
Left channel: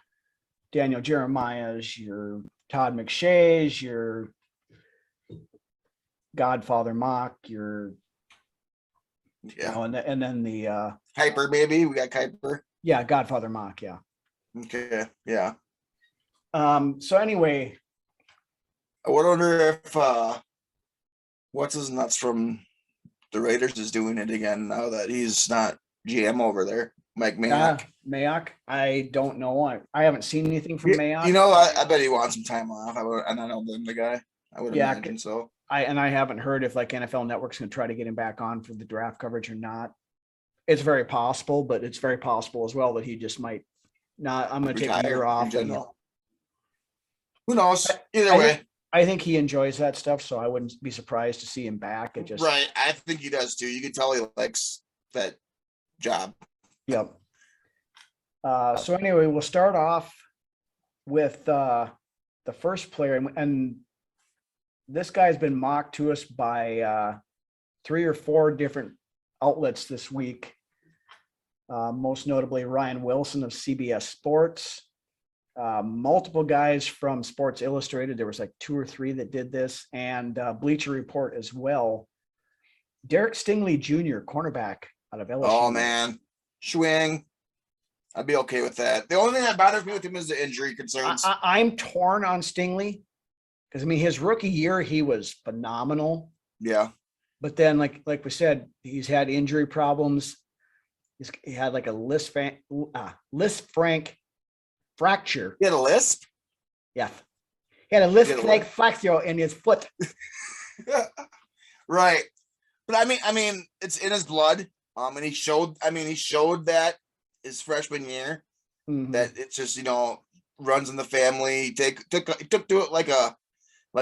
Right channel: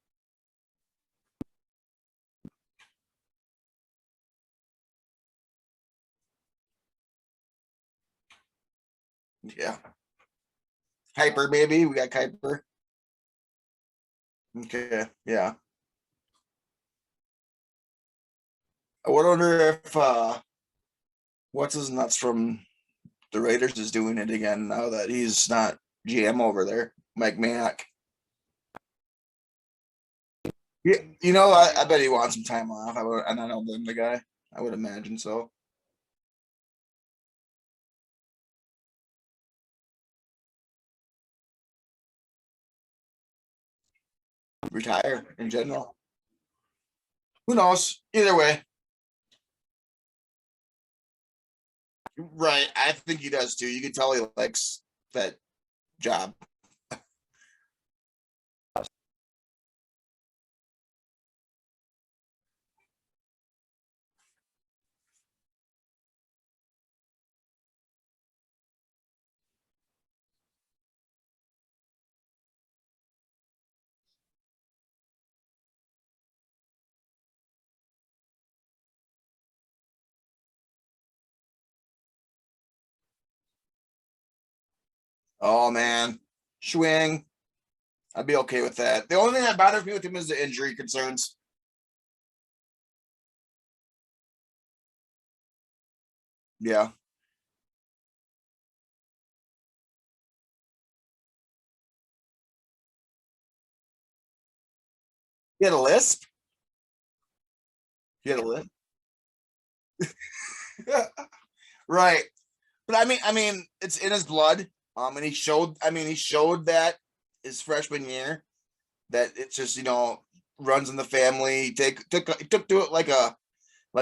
Daniel Jeremiah's, your Todd Mcshea's, your Godfather mock, your and then the Kuiper, baby, we got Kuiper. Yeah, Godfather mock, yeah. Okay, yeah. So anyway, I wonder if what's his nuts from the Raiders is doing it again now that he's not GM over there, Mike Mayock. Mayock, I don't know. I haven't seen anything from Mayock. You know, I bet he wants some time off. I don't blame the guy. I would imagine so. I haven't heard if like NFL Network's going to try to get him back on for the draft coverage or not. It's very possible, but it's very possible as well that he just might not. I'm going to take a year off. In general. Who knows? Either way. I think he enjoys that stuff, so I wouldn't be surprised to see him back. Right. I think he does too. You can tell he likes that job. Yep. So anyway, we'll start off with the first player, and this guy's been mocked to us by 3 or 4 different outlets this week. Most notably Ryan Wilson of CBS Sports, Multiple guys from Sports Illustrated. There was like 2 or 3 that did this, and Bleacher Report as well. Derek Stingley Jr., cornerback out of LSU. Oh man, swing. I'd be okay with that. The only thing that bothers me with him is the injury concerns. I'm torn on Stingley because I mean his rookie year he was phenomenal, Yeah. but then like we said, he's had injury problems. He had like a Lisp Frank fracture. He had a lisp. Yeah, he had a Lisp He had a Frank what? fracture in his foot. Right. But I mean, it's in his blood. And he showed that his freshman year Mhm. that it's just, runs in the family. He took to it like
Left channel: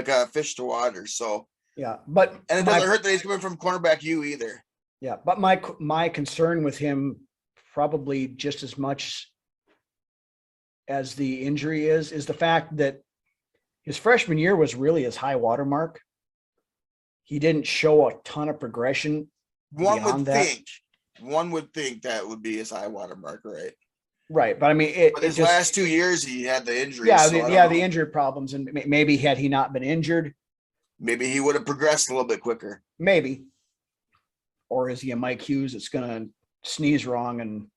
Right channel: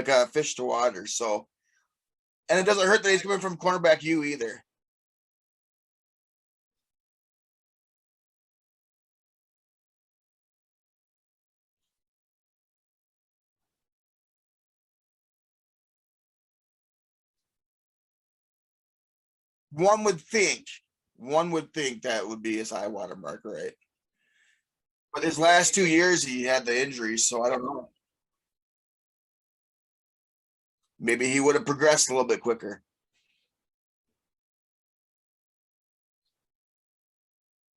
a fish to water. So, Yeah, and it doesn't hurt that he's coming from cornerback U either. Yeah, but my concern with him probably just as much as the injury is the fact that his freshman year was really his high water mark. He didn't show a ton of progression. One would beyond that. think that would be his high water mark, right? Right, but I mean, But his last 2 years, he had the injuries. yeah, so I don't know. the injury problems, and maybe had he not been injured, Maybe he would have progressed a little bit quicker. maybe, or is he a Mike Hughes that's gonna sneeze wrong and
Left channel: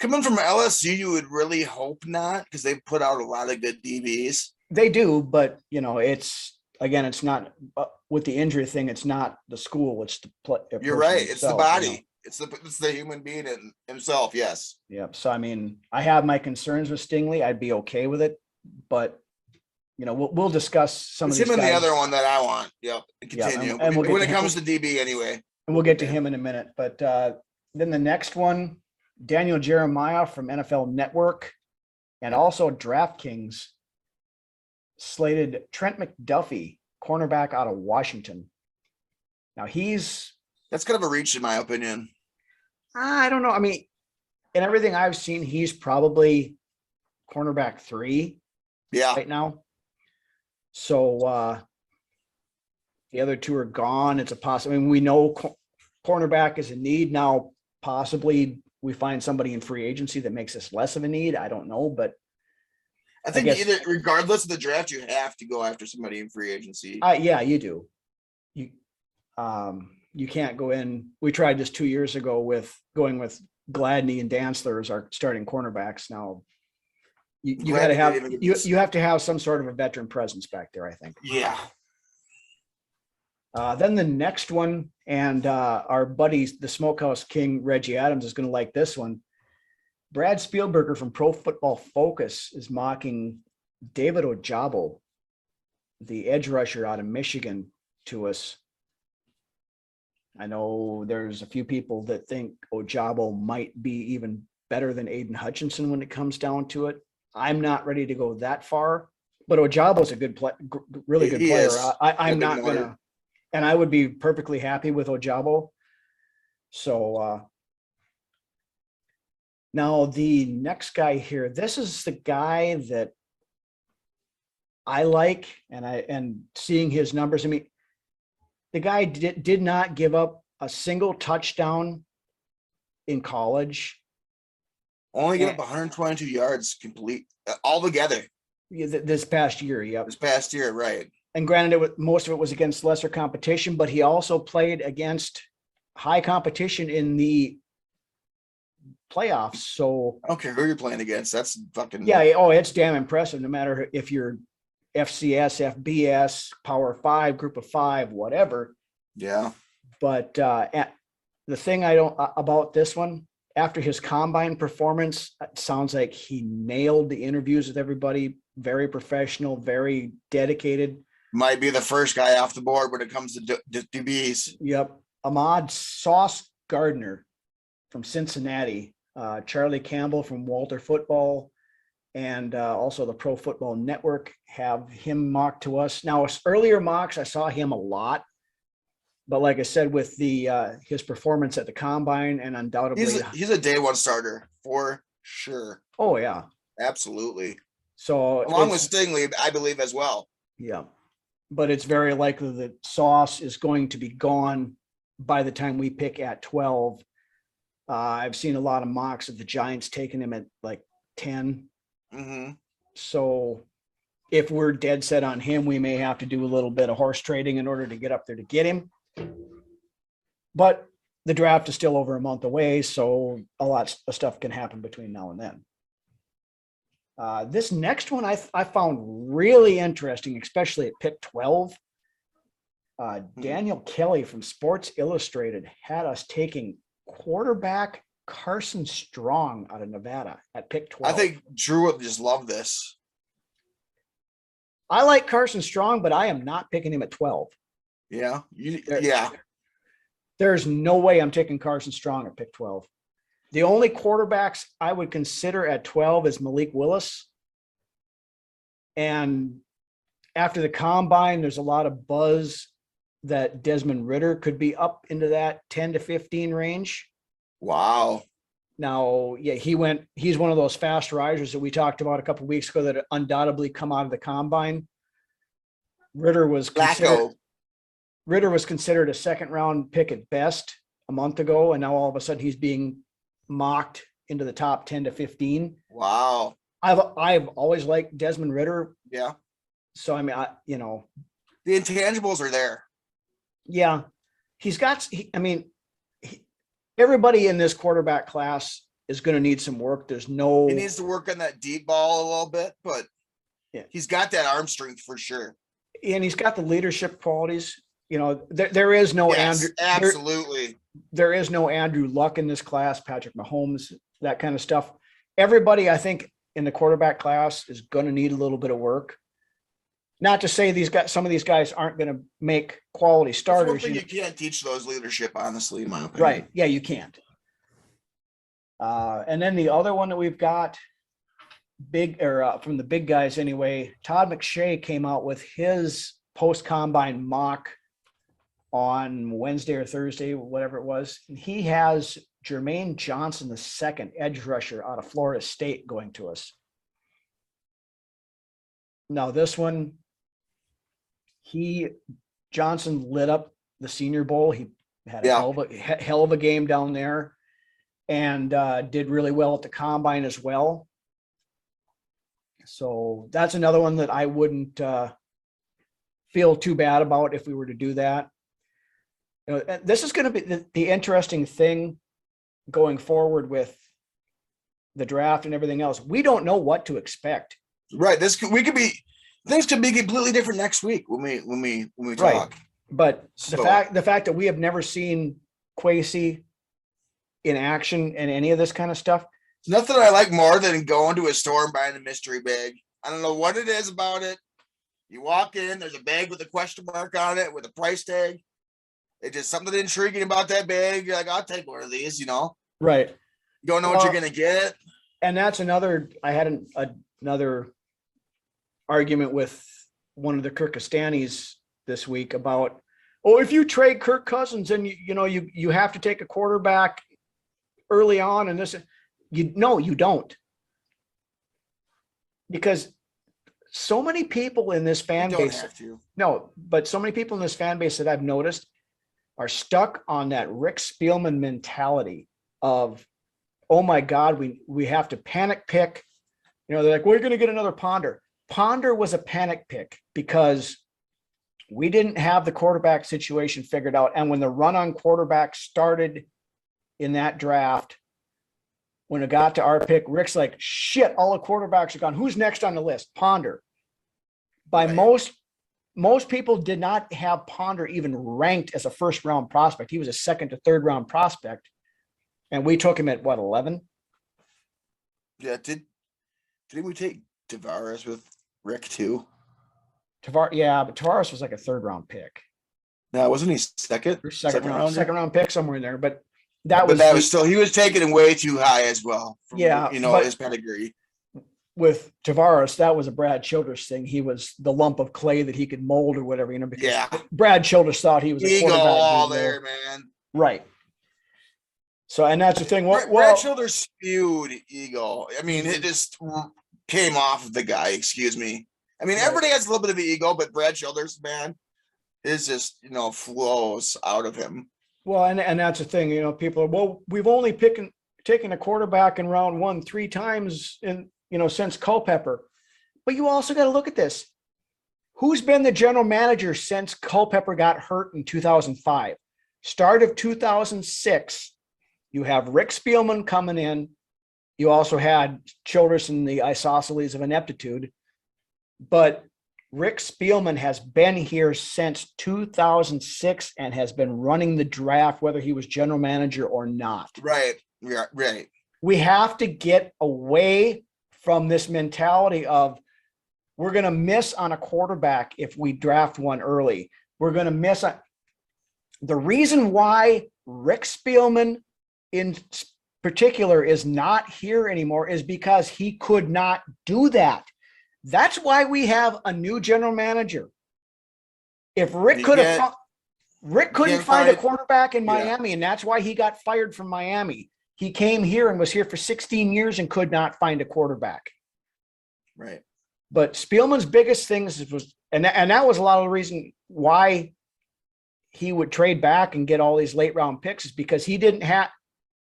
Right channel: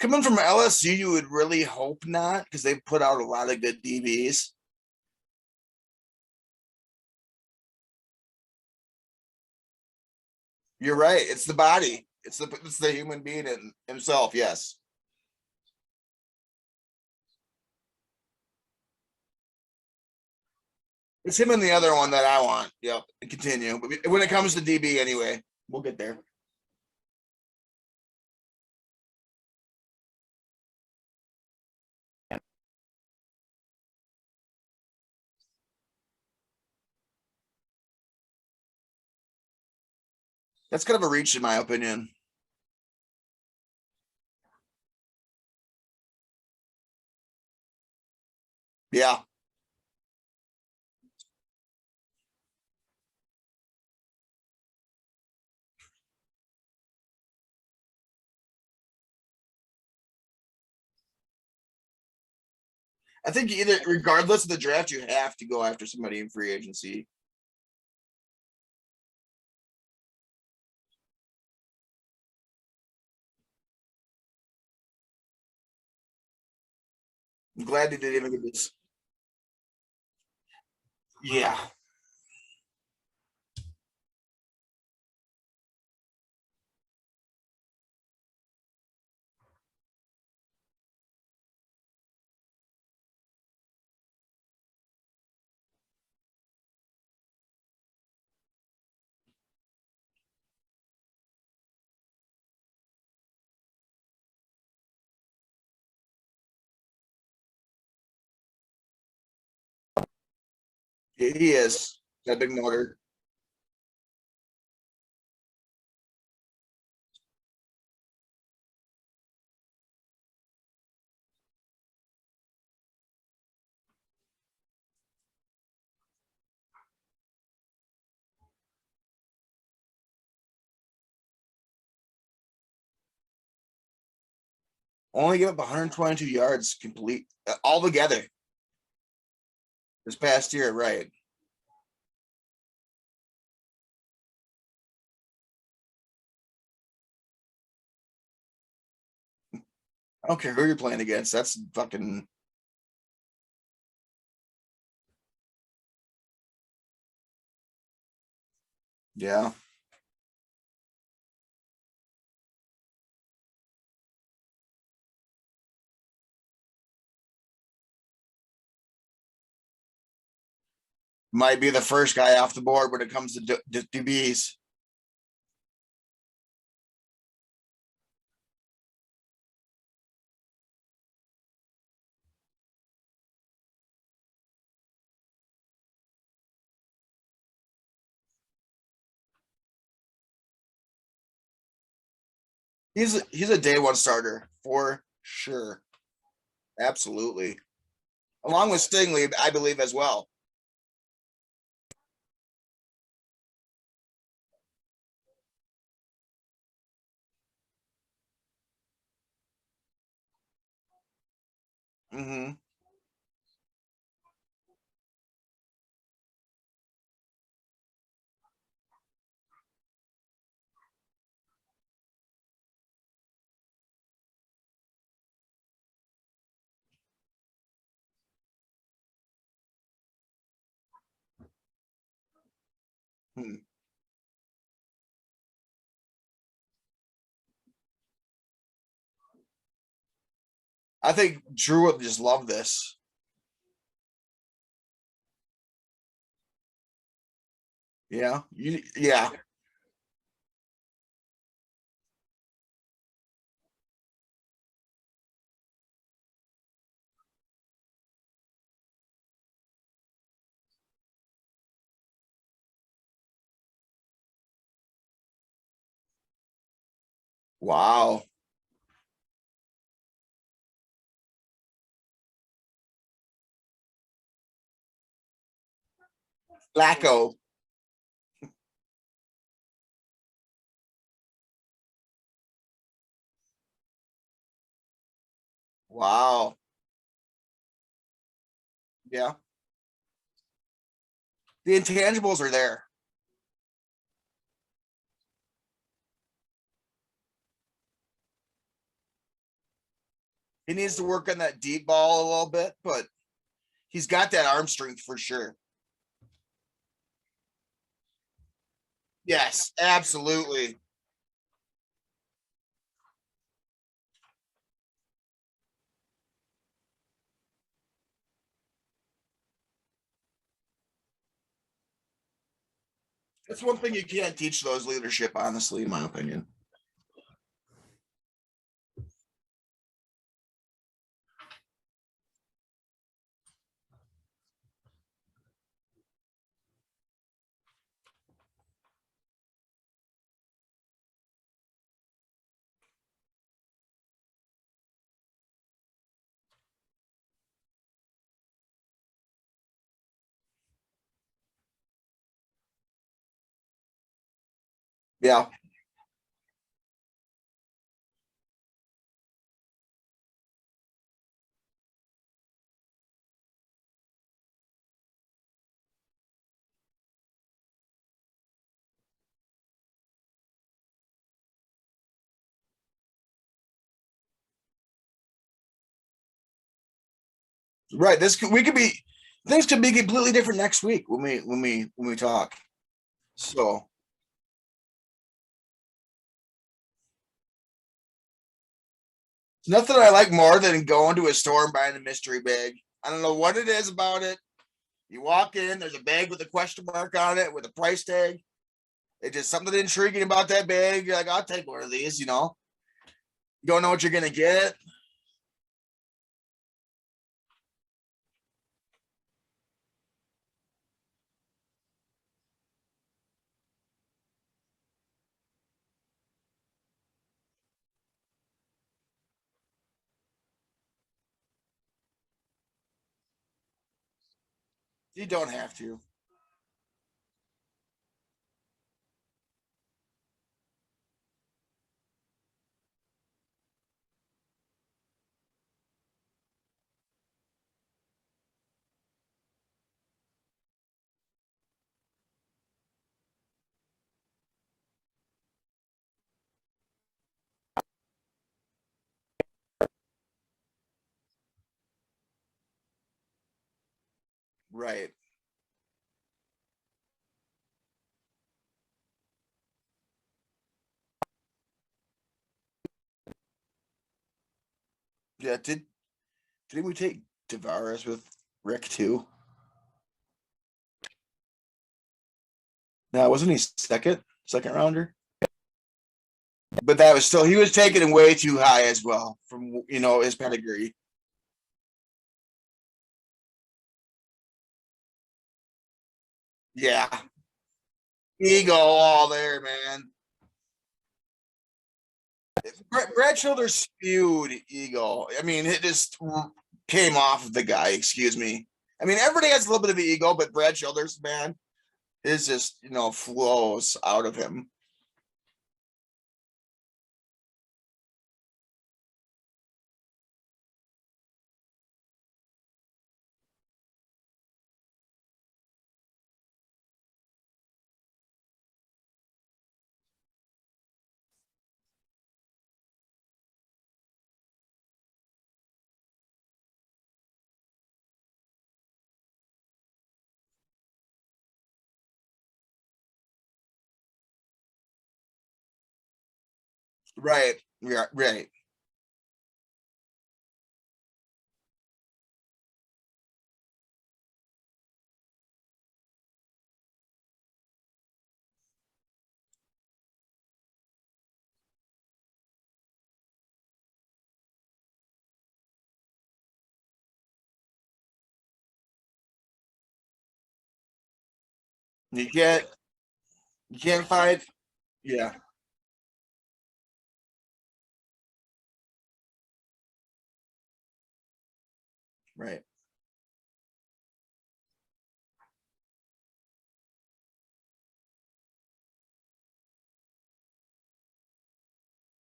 Coming from LSU, you would really hope not, because they put out a lot of good DBs. they do, but it's not with the injury thing. It's not the school; it's the play. You're right. It's the body. It's the human being in himself. Yes. Yep. So I mean, I have my concerns with Stingley. I'd be okay with it, but we'll discuss some. It's of him and these the guys, other one that I want. Yep. Yeah, Continue. and we'll get when to it comes to DB, anyway. and we'll get to him in a minute. But then the next one, Daniel Jeremiah from NFL Network, and also DraftKings slated Trent McDuffie, cornerback out of Washington. Now That's kind of a reach, in my opinion. I don't know. I mean, in everything I've seen, he's probably cornerback 3 Yeah. right now. So the other 2 are gone. It's a possible. I mean, we know cornerback is a need now. Possibly we find somebody in free agency that makes this less of a need. I don't know, but I think guess- either, regardless of the draft, you have to go after somebody in free agency. yeah, you do. You can't go in. We tried this 2 years ago with going with Gladney and Dantzler as our starting cornerbacks. Now you got to Gladney have didn't even get this. you have to have some sort of a veteran presence back there, I think. Yeah. Then the next one, and our buddy, the Smokehouse King, Reggie Adams, is going to like this one. Brad Spielberger from Pro Football Focus is mocking David Ojabo, the edge rusher out of Michigan, to us. I know there's a few people that think Ojabo might be even better than Aiden Hutchinson when it comes down to it. I'm not ready to go that far, but Ojabo's a good play, really good He player. is. I'm Big not motor. gonna, and I would be perfectly happy with Ojabo. So now the next guy here, this is the guy that I like, and seeing his numbers. I mean, the guy did not give up a single touchdown in college. Only give up 122 yards complete altogether This past year, yep. this past year, right? And granted, most of it was against lesser competition, but he also played against high competition in the playoffs. So I don't care who you're playing against. That's fucking yeah, it's damn impressive. No matter if you're FCS, FBS, Power 5, Group of 5, whatever. yeah. But the thing I don't about this one, after his combine performance, it sounds like he nailed the interviews with everybody. Very professional, very dedicated. Might be the first guy off the board when it comes to DBs. Yep. Ahmad Sauce Gardner from Cincinnati, Charlie Campbell from Walter Football, and also the Pro Football Network have him mocked to us. Now, earlier mocks, I saw him a lot. But like I said, with the his performance at the combine, and undoubtedly, He's a day one starter for sure. oh yeah. Absolutely. So Along with Stingley, I believe as well. yeah, but it's very likely that Sauce is going to be gone by the time we pick at 12. I've seen a lot of mocks of the Giants taking him at like 10. Mm-hmm. So if we're dead set on him, we may have to do a little bit of horse trading in order to get up there to get him. But the draft is still over a month away, so a lot of stuff can happen between now and then. This next one I found really interesting, especially at pick 12. Daniel Kelly from Sports Illustrated had us taking quarterback Carson Strong out of Nevada at pick 12. I think Drew would just love this. I like Carson Strong, but I am not picking him at 12. Yeah. There- There's no way I'm taking Carson Strong at pick 12. The only quarterbacks I would consider at 12 is Malik Willis. And after the combine, there's a lot of buzz that Desmond Ridder could be up into that 10 to 15 range. Wow. Now, yeah, he's one of those fast risers that we talked about a couple of weeks ago that undoubtedly come out of the combine. Ridder was considered a second round pick at best a month ago, and now all of a sudden he's being mocked into the top 10 to 15. Wow. I've always liked Desmond Ridder. Yeah. So I mean, The intangibles are there. yeah, everybody in this quarterback class is going to need some work. There's no. He needs to work on that deep ball a little bit, but Yeah. he's got that arm strength for sure. And he's got the leadership qualities. There is no Yes, Andrew. absolutely. There is no Andrew Luck in this class, Patrick Mahomes, that kind of stuff. Everybody, I think, in the quarterback class is going to need a little bit of work. Not to say some of these guys aren't going to make quality That's starters. one thing you can't teach those leadership, honestly, in my opinion. Right. Yeah, you can't. And then the other one that we've got from the big guys anyway, Todd Mcshea came out with his post-combine mock on Wednesday or Thursday, whatever it was. And he has Jermaine Johnson, the second edge rusher out of Florida State, going to us. Now this one, Johnson lit up the Senior Bowl. He had a hell of a game down there, and did really well at the combine as well. So that's another one that I wouldn't feel too bad about if we were to do that. This is going to be the interesting thing going forward with the draft and everything else. We don't know what to expect. Right. Things could be completely different next week when we talk. Right. But the fact that we have never seen Kwesi in action and any of this kind of stuff. There's nothing I like more than going to a store and buying a mystery bag. I don't know what it is about it. You walk in, there's a bag with a question mark on it with a price tag. It's just something intriguing about that bag. You're like, I'll take one of these, Right. You don't know what you're going to get. And that's I had another argument with one of the Kirkistanis this week about, if you trade Kirk Cousins and you have to take a quarterback early on, and this, you don't, because so many people in this fan You don't base have to. No, but so many people in this fan base that I've noticed are stuck on that Rick Spielman mentality of, oh my God, we have to panic pick. They're like, we're going to get another Ponder. Ponder was a panic pick because we didn't have the quarterback situation figured out. And when the run on quarterback started in that draft, when it got to our pick, Rick's like, shit, all the quarterbacks are gone. Who's next on the list? Ponder. By most people did not have Ponder even ranked as a first round prospect. He was a second to third round prospect. And we took him at 11? Yeah. Didn't we take Tavares with Rick too? But Tavares was like a third round pick. No, wasn't he second round pick, somewhere in there. But that was still, he was taken way too high as well. From, but his pedigree. With Tavares, that was a Brad Childress thing. He was the lump of clay that he could mold or whatever, because Brad Childress thought he was ego all there, man. Right. So, and that's the thing. Brad Childress spewed ego. I mean, it just came off of the guy, excuse me. I mean, everybody has a little bit of ego, but Brad Childress, man, is just, flows out of him. Well, and that's the thing, people are, we've only taken a quarterback in round 1 3 times since Culpepper. But you also got to look at this. Who's been the general manager since Culpepper got hurt in 2005? Start of 2006, you have Rick Spielman coming in. You also had Childress and the isosceles of ineptitude. But Rick Spielman has been here since 2006 and has been running the draft, whether he was general manager or not. Right. Yeah. Right. We have to get away from this mentality of we're going to miss on a quarterback if we draft one early. We're going to miss on the reason why Rick Spielman in particular is not here anymore is because he could not do that. That's why we have a new general manager. If Rick couldn't find a quarterback in Miami, and that's why he got fired from Miami. He came here and was here for 16 years and could not find a quarterback. Right. But Spielman's biggest things was, and that was a lot of the reason why he would trade back and get all these late round picks, is because he didn't have,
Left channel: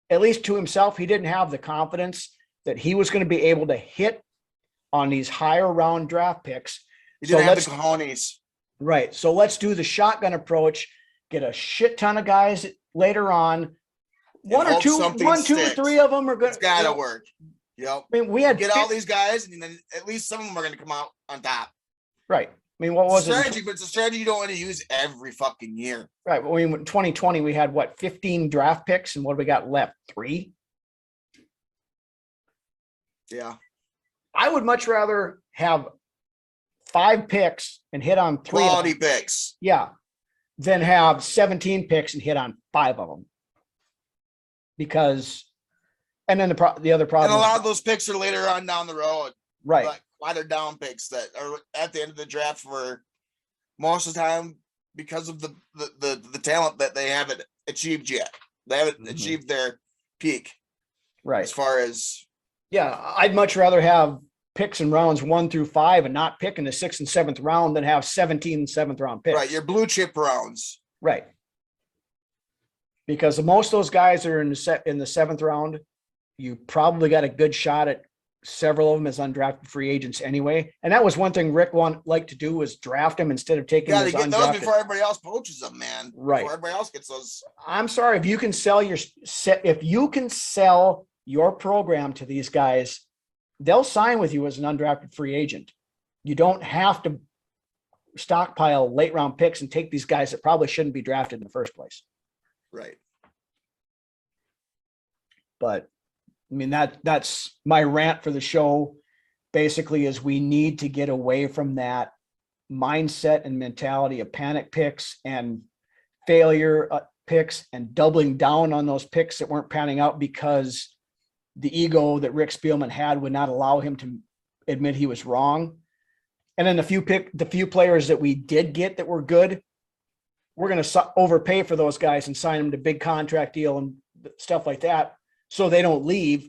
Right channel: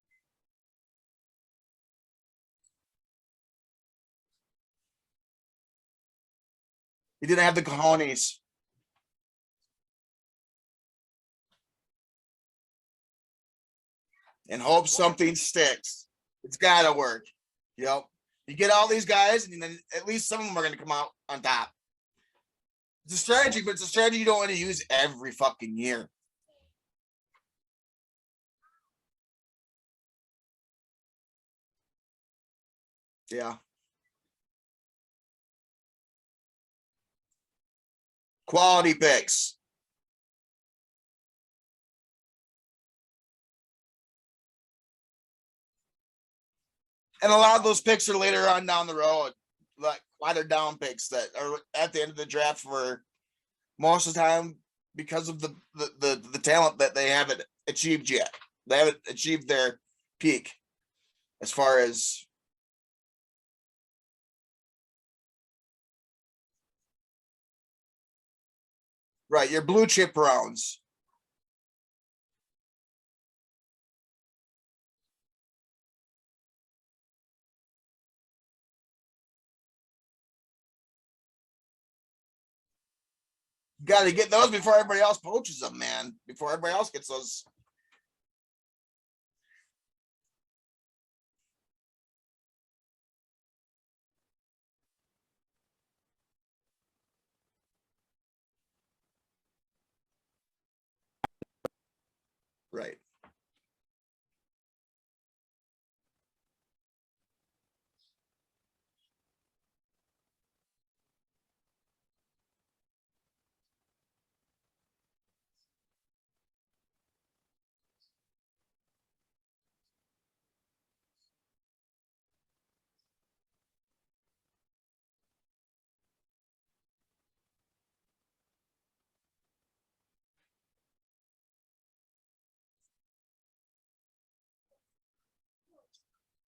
at least to himself, he didn't have the confidence that he was going to be able to hit on these higher round draft picks. He didn't have the cojones. Right. So let's do the shotgun approach, get a shit ton of guys later on. One or two, three of them are good. It's got to work. Yep. I mean, we had get all these guys, and then at least some of them are going to come out on top. Right. I mean, what was strategy? But it's a strategy you don't want to use every fucking year. Right. I mean, in 2020, we had what, 15 draft picks, and what do we got left? 3. Yeah. I would much rather have 5 picks and hit on 3 quality picks. Yeah. Than have 17 picks and hit on 5 of them. Because, and then the other problem. And a lot of those picks are later on down the road. Right. Like watered down picks that are at the end of the draft for most of the time because of the talent that they haven't achieved yet. They haven't achieved their peak. Right. As far as. Yeah. I'd much rather have picks in rounds 1 through 5 and not pick in the 6th and 7th round than have 17 7th round picks. Right. Your blue chip rounds. Right. Because most of those guys are in the 7th round. You probably got a good shot at several of them as undrafted free agents anyway. And that was one thing Rick liked to do, was draft them instead of taking. Got to get those before everybody else poaches them, man. Right. Before everybody else gets those. I'm sorry, if you can sell your program to these guys, they'll sign with you as an undrafted free agent. You don't have to stockpile late round picks and take these guys that probably shouldn't be drafted in the first place. Right. But I mean, that's my rant for the show. Basically, is we need to get away from that mindset and mentality of panic picks and failure picks and doubling down on those picks that weren't panning out because the ego that Rick Spielman had would not allow him to admit he was wrong. And then the few players that we did get that were good, we're going to overpay for those guys and sign them to big contract deal and stuff like that, so they don't leave.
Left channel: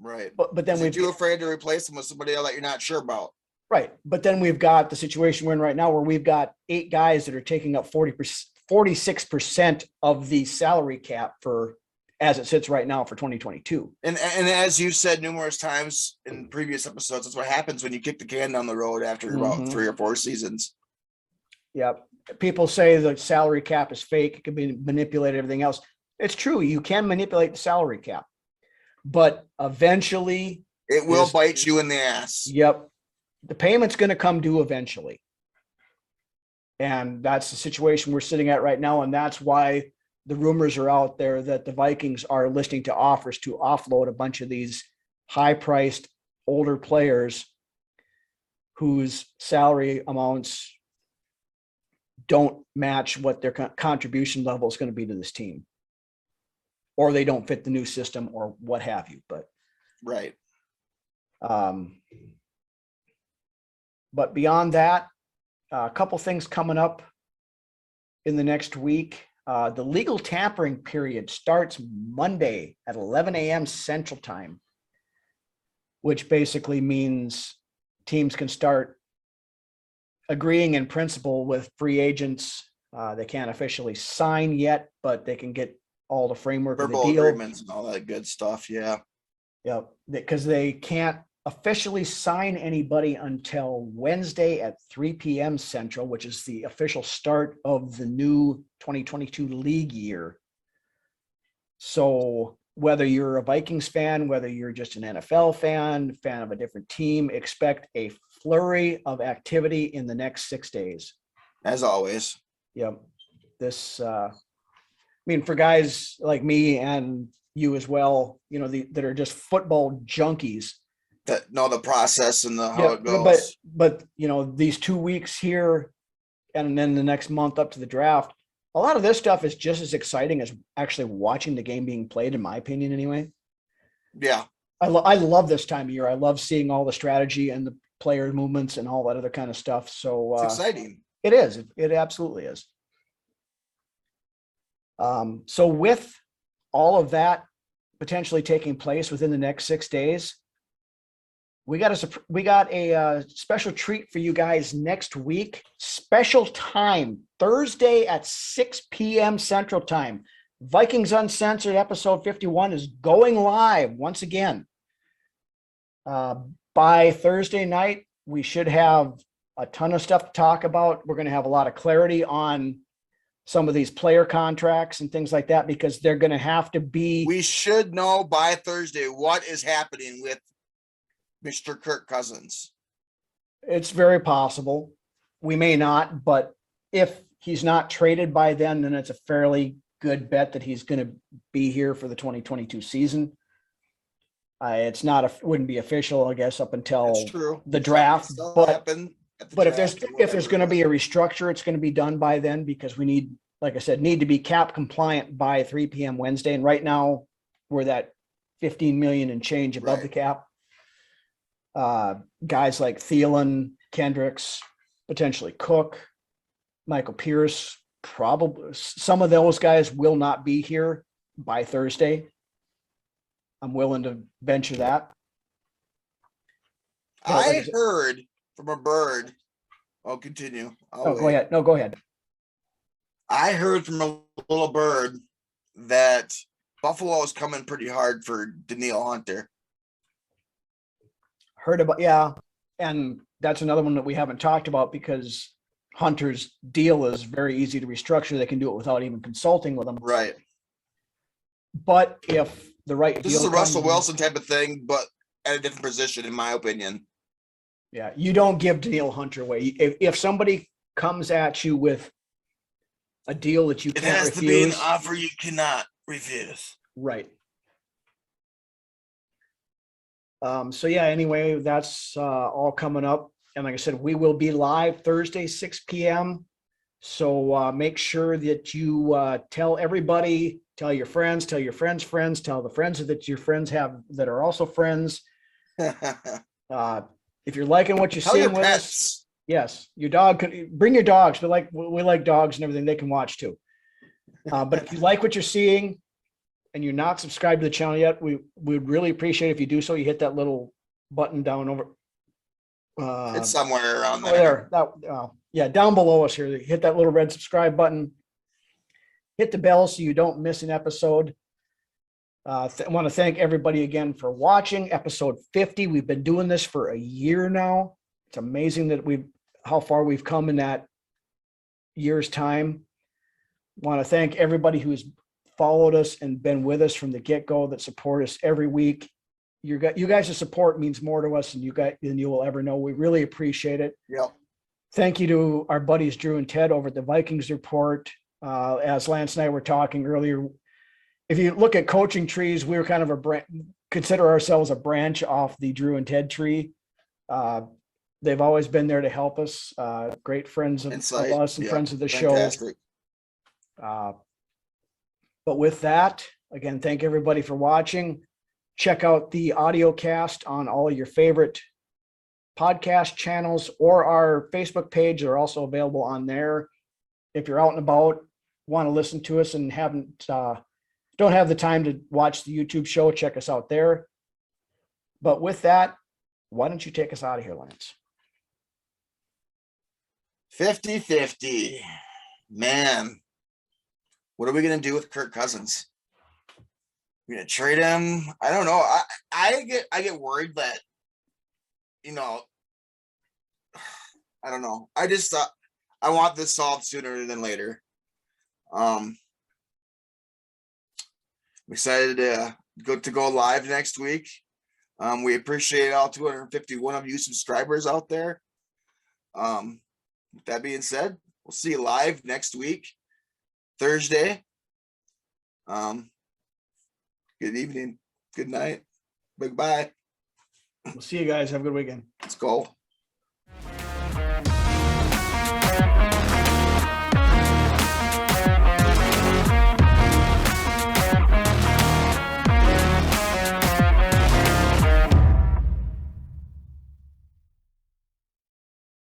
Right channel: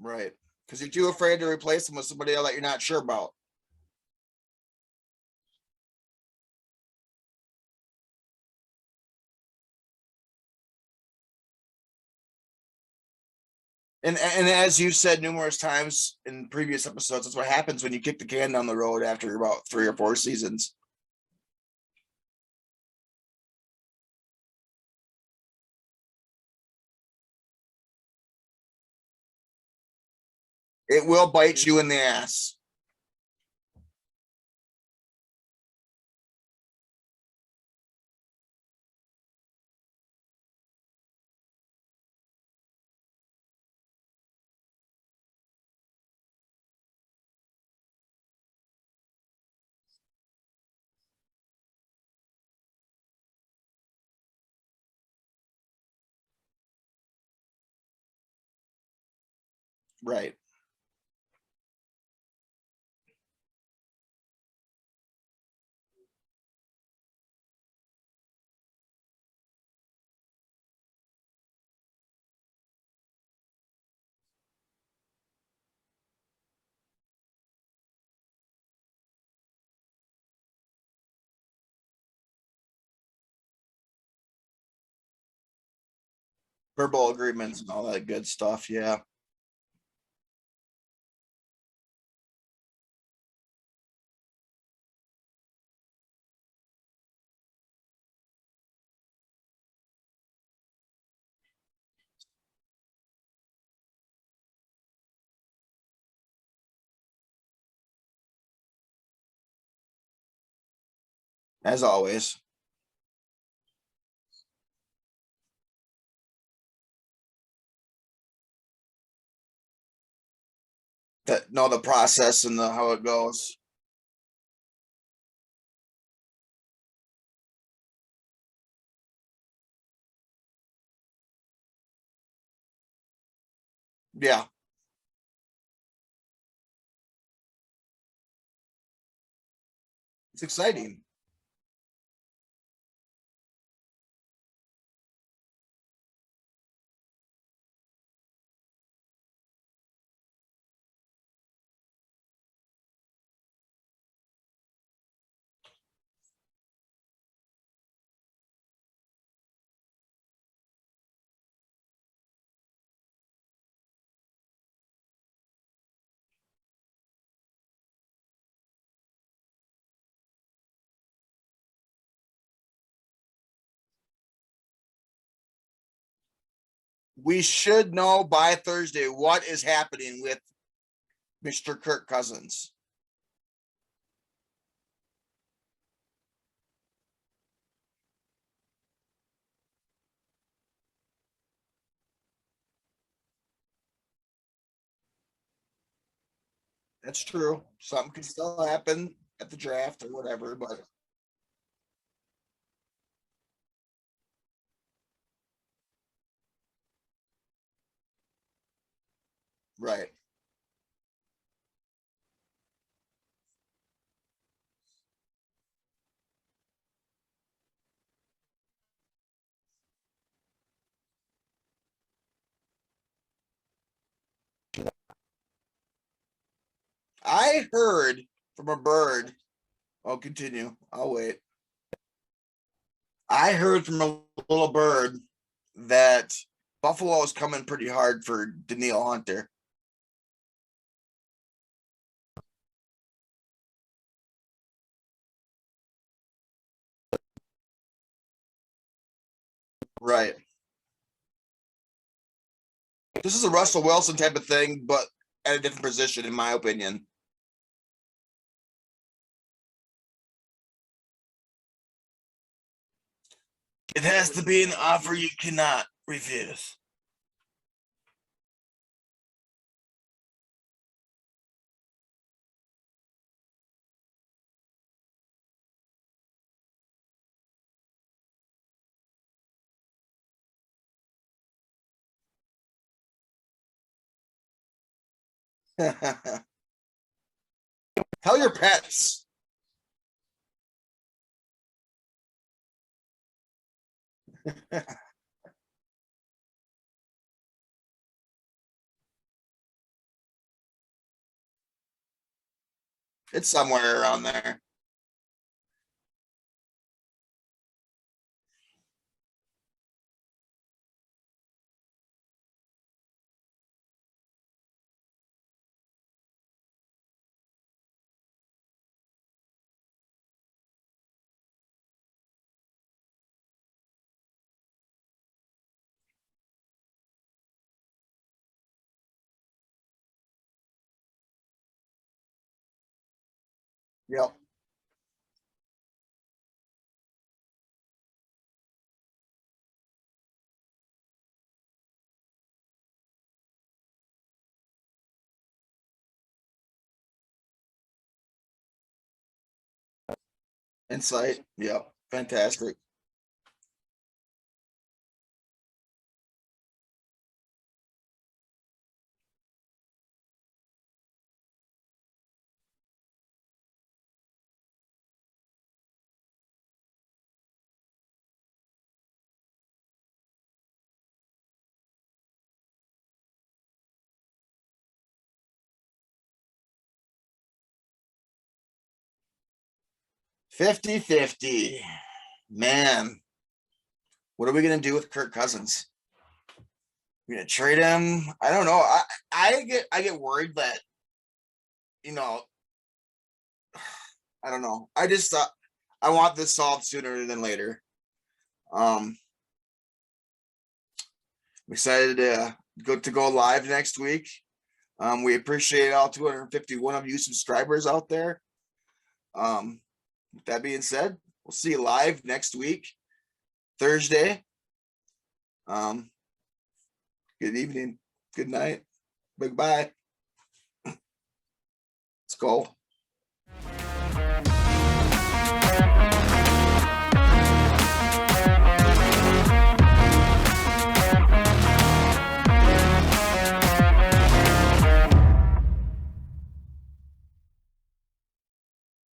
Right. But then we're too afraid to replace them with somebody else that you're not sure about. Right. But then we've got the situation we're in right now where we've got 8 guys that are taking up 46% of the salary cap for, as it sits right now, for 2022. And as you said numerous times in previous episodes, that's what happens when you kick the can down the road after about 3 or 4 seasons. Yep. People say the salary cap is fake. It can be manipulated, everything else. It's true. You can manipulate the salary cap, but eventually it will bite you in the ass. Yep. The payment's going to come due eventually. And that's the situation we're sitting at right now. And that's why the rumors are out there that the Vikings are listening to offers to offload a bunch of these high-priced older players whose salary amounts don't match what their contribution level is going to be to this team, or they don't fit the new system or what have you. But right. But beyond that, a couple things coming up in the next week. The legal tampering period starts Monday at 11 a.m. Central Time, which basically means teams can start agreeing in principle with free agents. They can't officially sign yet, but they can get all the framework verbal of the deal. agreements and all that good stuff. Yeah. Yep. Because they can't officially sign anybody until Wednesday at 3 p.m. Central, which is the official start of the new 2022 league year. So whether you're a Vikings fan, whether you're just an NFL fan of a different team, expect a flurry of activity in the next 6 days. As always. Yep. This, I mean, for guys like me and you as well, you know, that are just football junkies. That know the process and how it goes. But you know, these 2 weeks here and then the next month up to the draft, a lot of this stuff is just as exciting as actually watching the game being played, in my opinion, anyway. Yeah. I love this time of year. I love seeing all the strategy and the player movements and all that other kind of stuff. So It's exciting. It is. It absolutely is. So with all of that potentially taking place within the next 6 days, we got a special treat for you guys next week. Special time, Thursday at 6 p.m. Central Time. Vikings Uncensored episode 51 is going live once again. By Thursday night, we should have a ton of stuff to talk about. We're going to have a lot of clarity on some of these player contracts and things like that, because they're going to have to be. We should know by Thursday what is happening with Mr. Kirk Cousins. It's very possible. We may not, but if he's not traded by then it's a fairly good bet that he's going to be here for the 2022 season. It's not, wouldn't be official, I guess, up until That's true. the draft. Still happen at the But draft if there's going to be a restructure, it's going to be done by then, because we need, like I said, need to be cap compliant by 3 p.m. Wednesday. And right now we're that 15 million and change above the cap. Guys like Thielen, Kendricks, potentially Cook, Michael Pierce, probably some of those guys will not be here by Thursday. I'm willing to venture that. I heard from a bird. I'll continue. Go ahead. No, go ahead. I heard from a little bird that Buffalo is coming pretty hard for Danielle Hunter. Heard about, yeah. And that's another one that we haven't talked about, because Hunter's deal is very easy to restructure. They can do it without even consulting with them. Right. But if the right, this is a Russell Wilson type of thing, but at a different position, in my opinion. Yeah, you don't give Danielle Hunter away. If somebody comes at you with a deal that you it has to be an offer you cannot refuse. Right. So yeah, anyway, that's all coming up. And like I said, we will be live Thursday, 6 p.m. So make sure that you tell everybody, tell your friends, tell your friends' friends, tell the friends that your friends have that are also friends. If you're liking what you see, tell your pets. Yes, your dog can bring your dogs. We like dogs and everything. They can watch too. But if you like what you're seeing and you're not subscribed to the channel yet, we would really appreciate if you do so. You hit that little button down over. It's somewhere around there. Yeah, down below us here. Hit that little red subscribe button. Hit the bell so you don't miss an episode. I want to thank everybody again for watching episode 50. We've been doing this for a year now. It's amazing that how far we've come in that year's time. Want to thank everybody who's followed us and been with us from the get-go, that support us every week. You guys' support means more to us than you will ever know. We really appreciate it. Yep. Thank you to our buddies Drew and Ted over at the Vikings Report. As Lance and I were talking earlier, if you look at coaching trees, we're kind of consider ourselves a branch off the Drew and Ted tree. They've always been there to help us. Great friends of us and friends of the Fantastic. show. But with that, again, thank everybody for watching. Check out the audio cast on all of your favorite podcast channels, or our Facebook page. They're also available on there. If you're out and about, want to listen to us and don't have the time to watch the YouTube show, check us out there. But with that, why don't you take us out of here, Lance? 50-50. Man, what are we going to do with Kirk Cousins? We're going to trade him? I don't know. I get worried that you know, I don't know. I just thought I want this solved sooner than later. I'm excited to go live next week. We appreciate all 251 of you subscribers out there. With that being said, we'll see you live next week, Thursday. Good evening. Good night. Bye. We'll see you guys. Have a good weekend. Let's go.